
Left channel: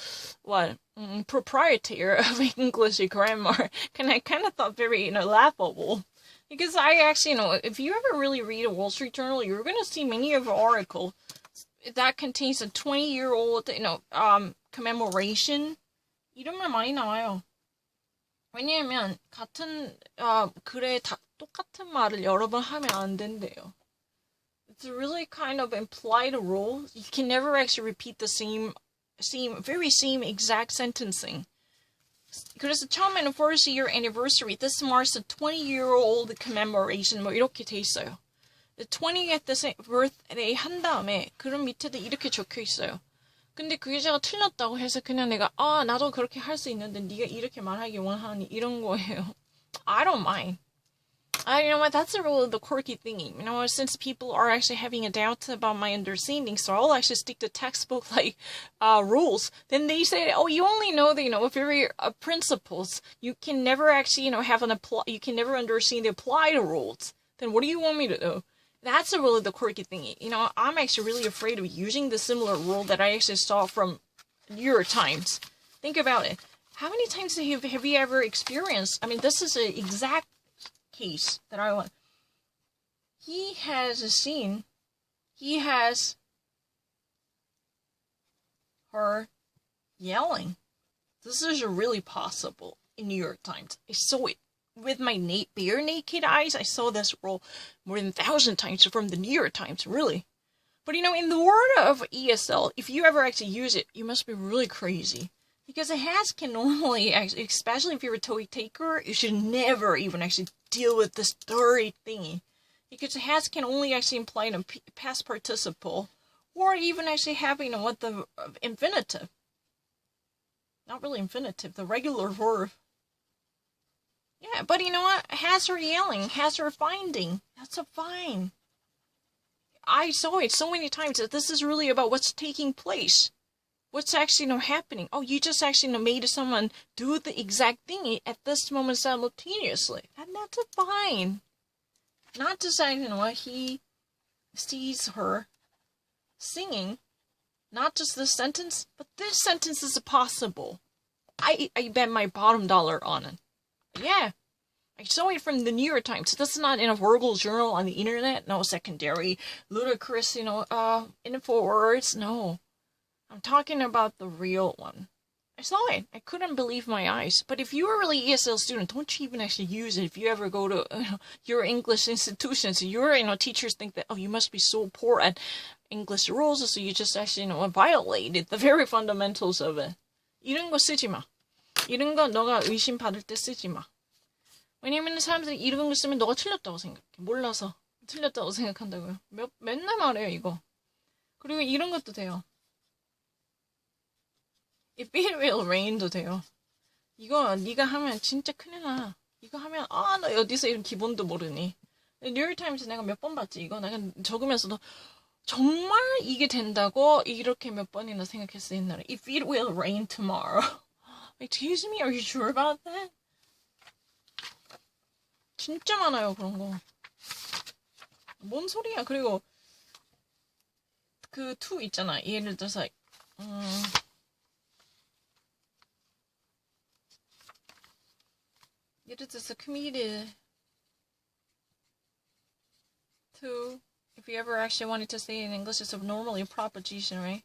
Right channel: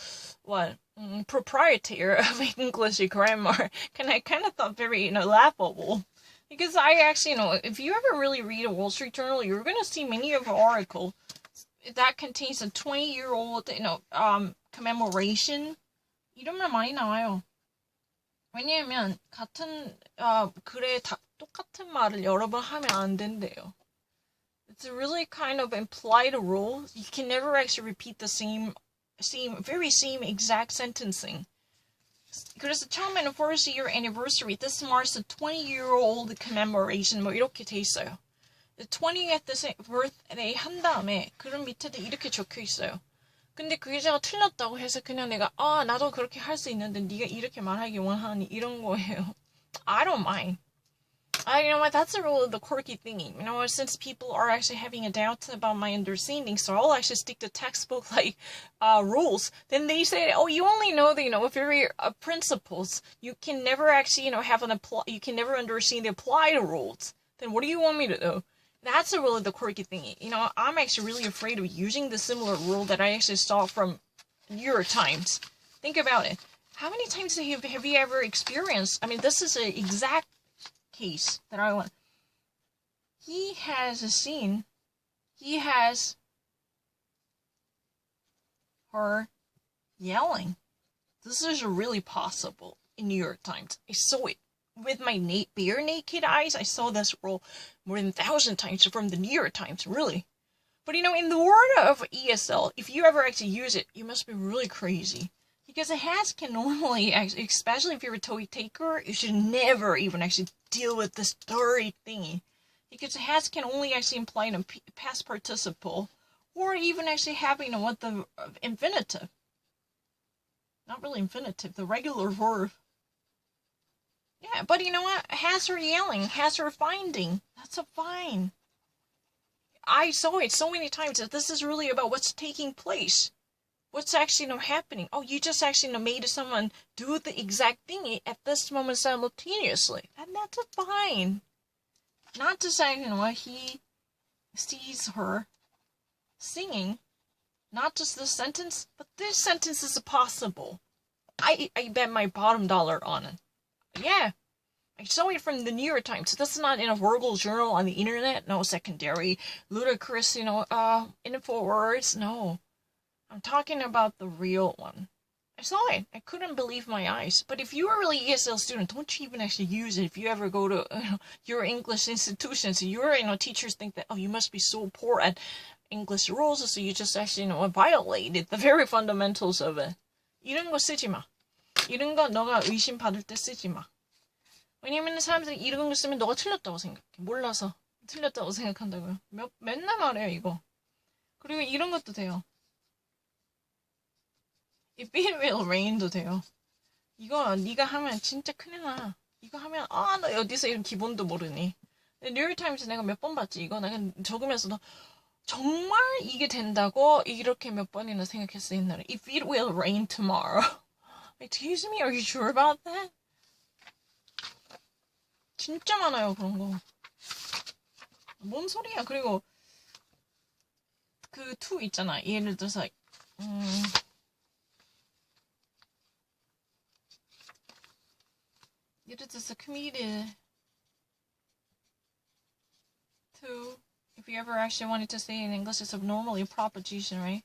proprietor of English grammar. And I kind of thought very, laughable. Because I actually, if you ever really read a Wall Street Journal, you're going to see many of the articles that contains a 20-year-old, commemoration. 이름을 많이 나와요. 왜냐하면 같은 글에 똑같은 말을 여러 번 하면 안 된대요. It's really kind of implied a rule. You can never actually repeat the same exact sentencing. 그래서 처음에는 first year anniversary, this marks a 20-year-old commemoration, 이렇게 돼 있어요. The 20th birthday 한 다음에 그런 밑에도 이렇게 적혀 있어요. 근데 그게 제가 틀렸다고 해서 그냥 내가 나도 그렇게 할 수 있는데 네가 이렇게 말하기 원하니 이런 거예요. I don't mind. You know what, that's a really the quirky thingy. Since people are actually having a doubt about my understanding, so I'll actually stick to textbook rules. Then they say, oh, you only know the very principles. You can never actually you can never understand the applied rules. Then what do you want me to do? That's a really the quirky thingy. I'm actually really afraid of using the similar rule that I actually saw from New York Times. Think about it. How many times have you ever experienced? I mean, this is an exact case that I want. He has her yelling. This is really possible in New York Times. I saw it with my bare naked eyes. I saw this role more than 1,000 times from the New York Times, really. But in the world of ESL, if you ever actually use it, you must be really crazy. Because a has can normally, especially if you're a TOEIC taker, you should never even actually deal with this dirty thingy. Because a has can only actually imply a past participle, or even actually having the infinitive. Not really infinitive, the regular verb. Yeah, but you know what? Has her yelling, has her finding. That's a fine. I saw it so many times that this is really about what's taking place. What's actually happening? Oh, you just actually made someone do the exact thing at this moment simultaneously. And that's a fine. Not to say, he sees her singing, not just this sentence, but this sentence is possible. I bet my bottom dollar on it. Yeah. I saw it from the New York Times. This is not in a verbal journal on the internet. No secondary, ludicrous, info words. No. I'm talking about the real one. I saw it. I couldn't believe my eyes. But if you're a really ESL student, don't you even actually use it. If you ever go to your English institutions, your teachers think that, oh, you must be so poor at English rules, so you just actually violated the very fundamentals of it. 이런 거 쓰지 마. 이런 거 너가 의심 받을 때 쓰지 마. 왜냐면 사람들이 이런 거 쓰면 너가 틀렸다고 생각해. 몰라서 틀렸다고 생각한다고요. 맨날 말해요 이거. 그리고 이런 것도 돼요. If it will rain도 돼요. 이거 네가 하면 진짜 큰일 나. 이거 하면 나 어디서 이런 기본도 모르니. 뉴욕타임스 내가 몇 번 봤지. 이거 내가 적으면서도 정말 이게 된다고 이렇게 몇 번이나 생각했어 옛날에. If it will rain tomorrow. Excuse me, are you sure about that? 진짜 많아요 그런 거. 뭔 소리야. 그리고 그 to 있잖아. 예를 들어서 예를 들어서 committed to, if you ever actually wanted to say in English, it's normally a proposition, right?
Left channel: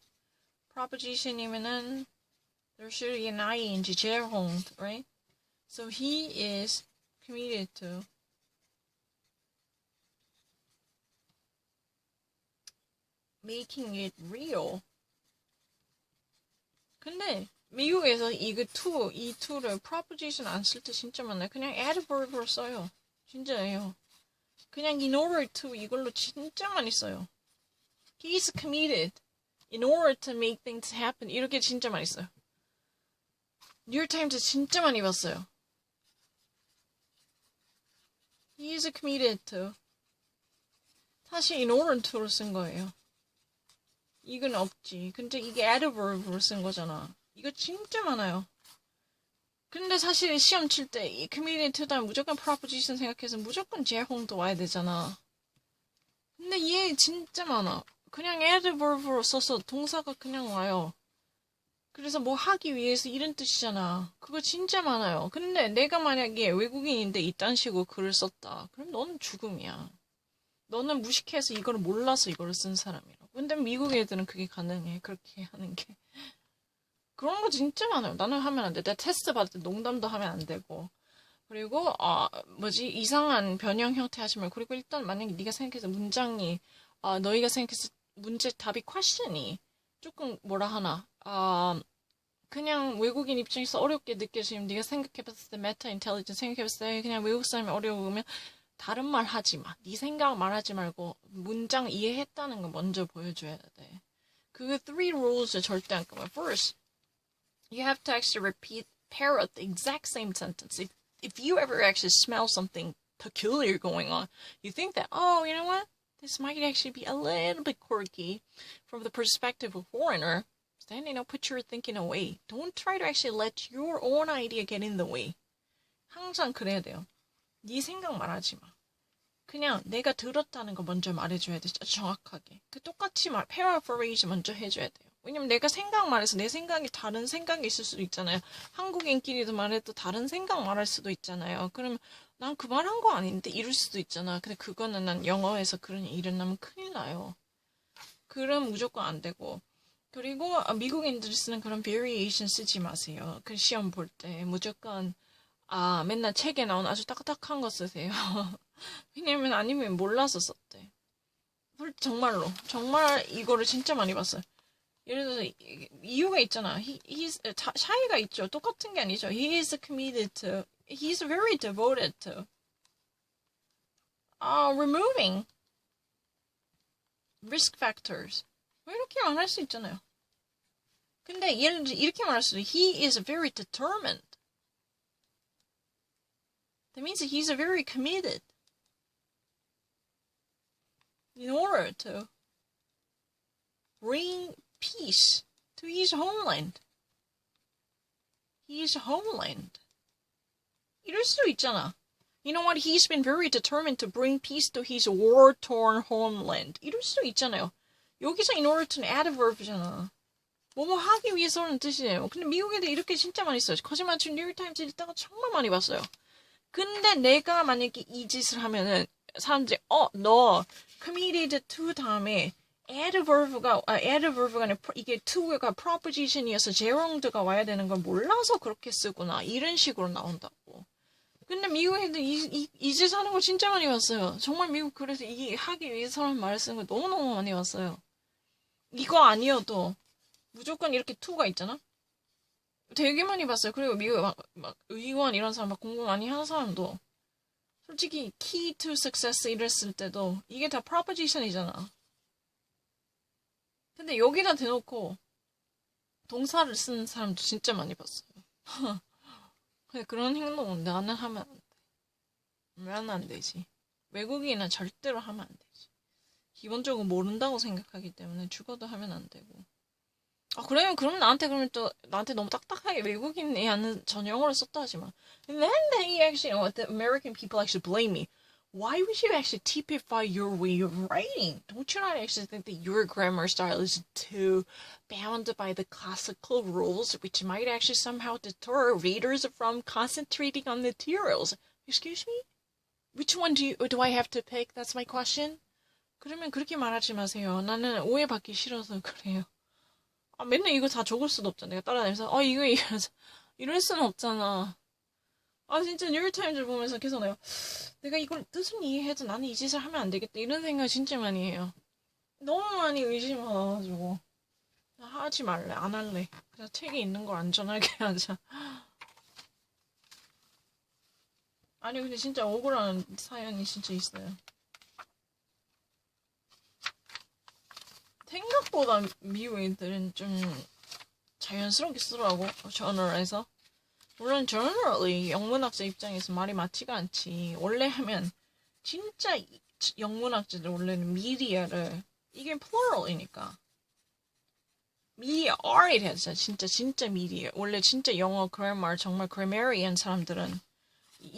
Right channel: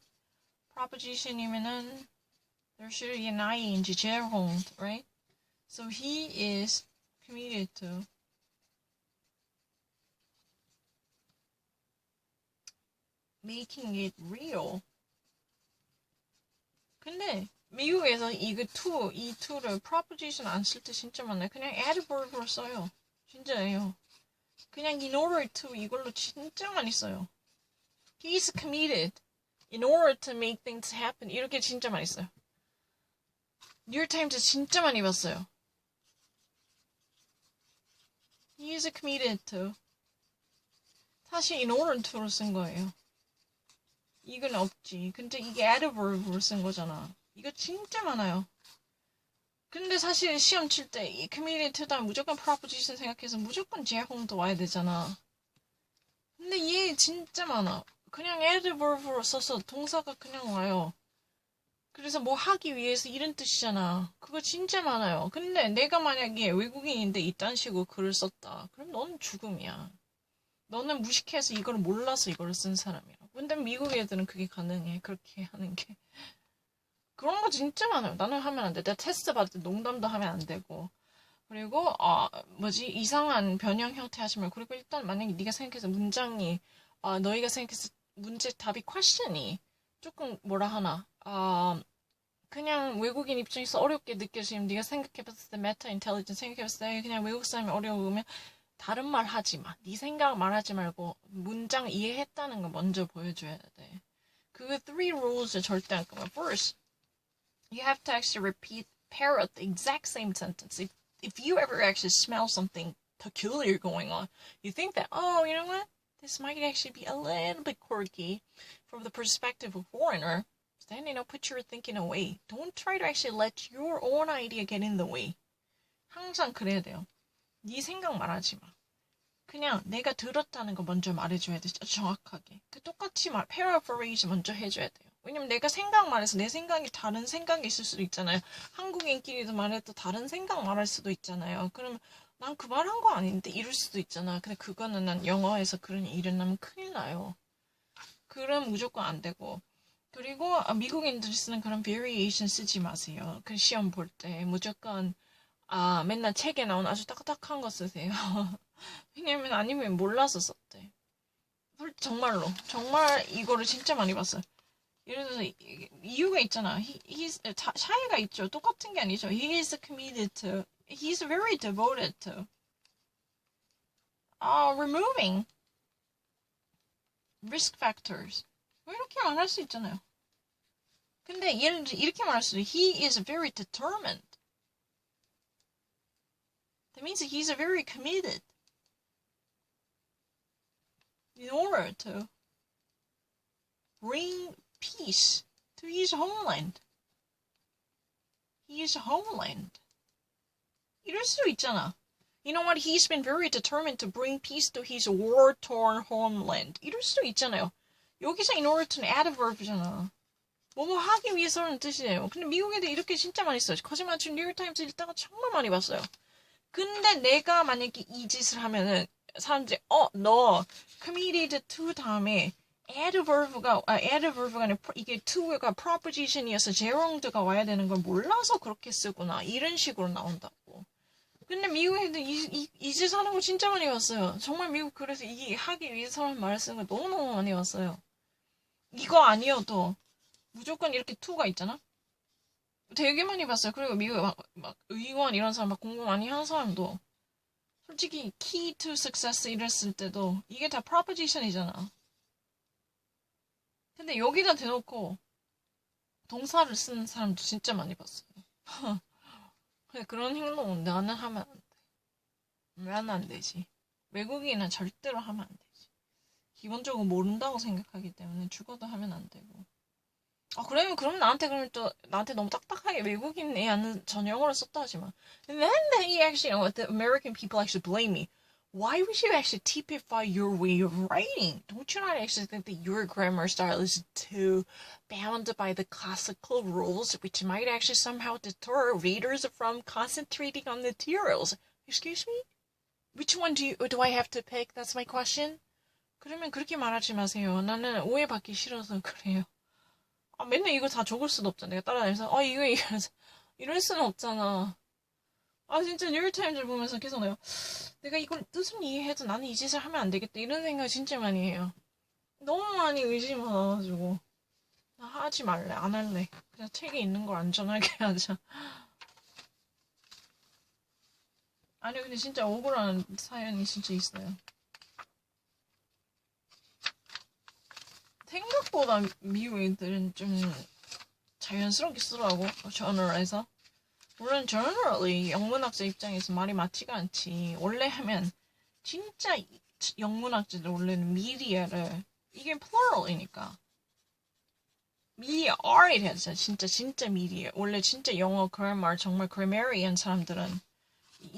proposition이면은 there should be an ing gerund, right? So he is committed to making it real. 근데 미국에서 이거 이 to를 proposition 안 쓸 때 진짜 많아요. 그냥 adverb으로 써요. 진짜예요. 그냥 in order to 이걸로 진짜 많이 써요. He's committed in order to make things happen. 이렇게 진짜 많이 써요. 뉴욕타임즈 진짜 많이 봤어요. He is committed to. 사실 in order to로 쓴 거예요. 이건 없지. 근데 이게 adverb로 쓴 거잖아. 이거 진짜 많아요. 근데 사실 시험 칠 때 이 committed to다 무조건 proposition 생각해서 무조건 제홍도 와야 되잖아. 근데 얘 진짜 많아. 그냥 adverb로 써서 동사가 그냥 와요. 그래서 뭐 하기 위해서 이런 뜻이잖아. 그거 진짜 많아요. 근데 내가 만약에 외국인인데 이딴 식으로 글을 썼다. 그럼 너는 죽음이야. 너는 무식해서 이걸 몰라서 이걸 쓴 사람이라고. 근데 미국 애들은 그게 가능해. 그렇게 하는 게. 그런 거 진짜 많아요. 나는 하면 안 돼. 내가 테스트 받을 때 농담도 하면 안 되고. 그리고 이상한 변형 형태 하지 말고. 그리고 일단 만약에 네가 생각해서 문장이 너희가 생각해서 문제 답이 퀘션이 조금 뭐라 하나 그냥 외국인 입장에서 어렵게 느껴지면 네가 생각해봤을 때 메타 인텔리전스 생각해봤을 때 그냥 외국 사람이 어려우면 다른 말 하지 마. 네 생각 말하지 말고 문장 이해했다는 거 먼저 보여줘야 돼. 그 three rules 절대 안 까먹어. First, you have to actually repeat, parrot the exact same sentence. If you ever actually smell something peculiar going on, you think that, oh, you know what? This might actually be a little bit quirky from the perspective of a foreigner. Then, put your thinking away. Don't try to actually let your own idea get in the way. 항상 그래야 돼요. 네 생각 말하지 마. 그냥 내가 들었다는 거 먼저 말해줘야 돼. 정확하게. 똑같이 paraphrase 먼저 해줘야 돼요. 왜냐면 내가 생각 말해서 내 생각이 다른 생각이 있을 수도 있잖아요. 한국인끼리도 말해도 다른 생각 말할 수도 있잖아요. 그러면 난 그 말 한 거 아닌데 이럴 수도 있잖아. 근데 그거는 난 영어에서 그런 일이 일어나면 큰일 나요. 그럼 무조건 안 되고. 그리고 미국인들이 쓰는 그런 variation 쓰지 마세요. 그 시험 볼 때 무조건 맨날 책에 나온 아주 딱딱한 거 쓰세요. 왜냐면 아니면 몰라서 썼대. 정말로 정말 이거를 진짜 많이 봤어요. 예를 들어서 이유가 있잖아. 차이가 있죠. 똑같은 게 아니죠. He is committed to. He's very devoted to. Removing risk factors. 뭐 이렇게 말할 수 있잖아요. 근데 예를 들어 이렇게 말할 수도 He is very determined. That means he's very committed in order to bring peace to his homeland. His homeland. 이럴 수도 있잖아. You know what? He's been very determined to bring peace to his war-torn homeland. 이럴 수도 있잖아요. 여기서 in order to는 adverb잖아. 뭐뭐 하기 위해서는 뜻이에요. 근데 미국 애들 이렇게 진짜 많이 써요. 거짓말 치고 뉴욕타임즈 읽다가 정말 많이 봤어요. 근데 내가 만약에 이 짓을 하면은 사람들이 너 committed to 다음에 adverb가 아니라 이게 to가 proposition이어서 gerund가 와야 되는 걸 몰라서 그렇게 쓰구나. 이런 식으로 나온다고. 근데 미국 애들 이 짓 하는 거 진짜 많이 봤어요. 정말 미국 그래서 이 하기 위해서라는 말을 쓰는 거 너무너무 많이 봤어요. 이거 아니어도 무조건 이렇게 to가 있잖아? 되게 많이 봤어요. 그리고 미국 막 의원 이런 사람 막 공부 많이 하는 사람도 솔직히 key to success 이랬을 때도 이게 다 proposition이잖아. 근데 여기다 대놓고 동사를 쓰는 사람도 진짜 많이 봤어요. 근데 그런 행동은 나는 하면 안 돼. 왜 안 되지? 외국인은 절대로 하면 안 되지. 기본적으로 모른다고 생각하기 때문에 죽어도 하면 안 되고. 그럼 나한테 너무 딱딱하게 외국인 애는 전형으로 썼다 하지 마. And then he actually, the American people actually blame me. Why would you actually typify your way of writing? Don't you not actually think that your grammar style is too bound by the classical rules, which might actually somehow deter readers from concentrating on the materials? Excuse me? Which one do I have to pick? That's my question. 그러면 그렇게 말하지 마세요. 나는 오해받기 싫어서 그래요. 맨날 이거 다 적을 수도 없잖아. 내가 따라다니면서 이거 이럴 수는 없잖아. 진짜 뉴욕타임즈 보면서 계속 내가 이걸 뜻은 이해해도 나는 이 짓을 하면 안 되겠다 이런 생각 진짜 많이 해요. 너무 많이 의심 많아가지고 하지 말래. 안 할래. 그냥 책에 있는 걸 안전하게 하자. 아니 근데 진짜 억울한 사연이 진짜 있어요. 생각보다 미국 애들은 좀 자연스럽게 쓰더라고. 저널에서. 물론 generally 영문학자 입장에서 말이 맞지가 않지. 원래 하면 진짜 영문학자들 원래는 media를 이게 plural이니까 media are it 해서 진짜 media 원래 진짜 영어 grammar 정말 grammarian 사람들은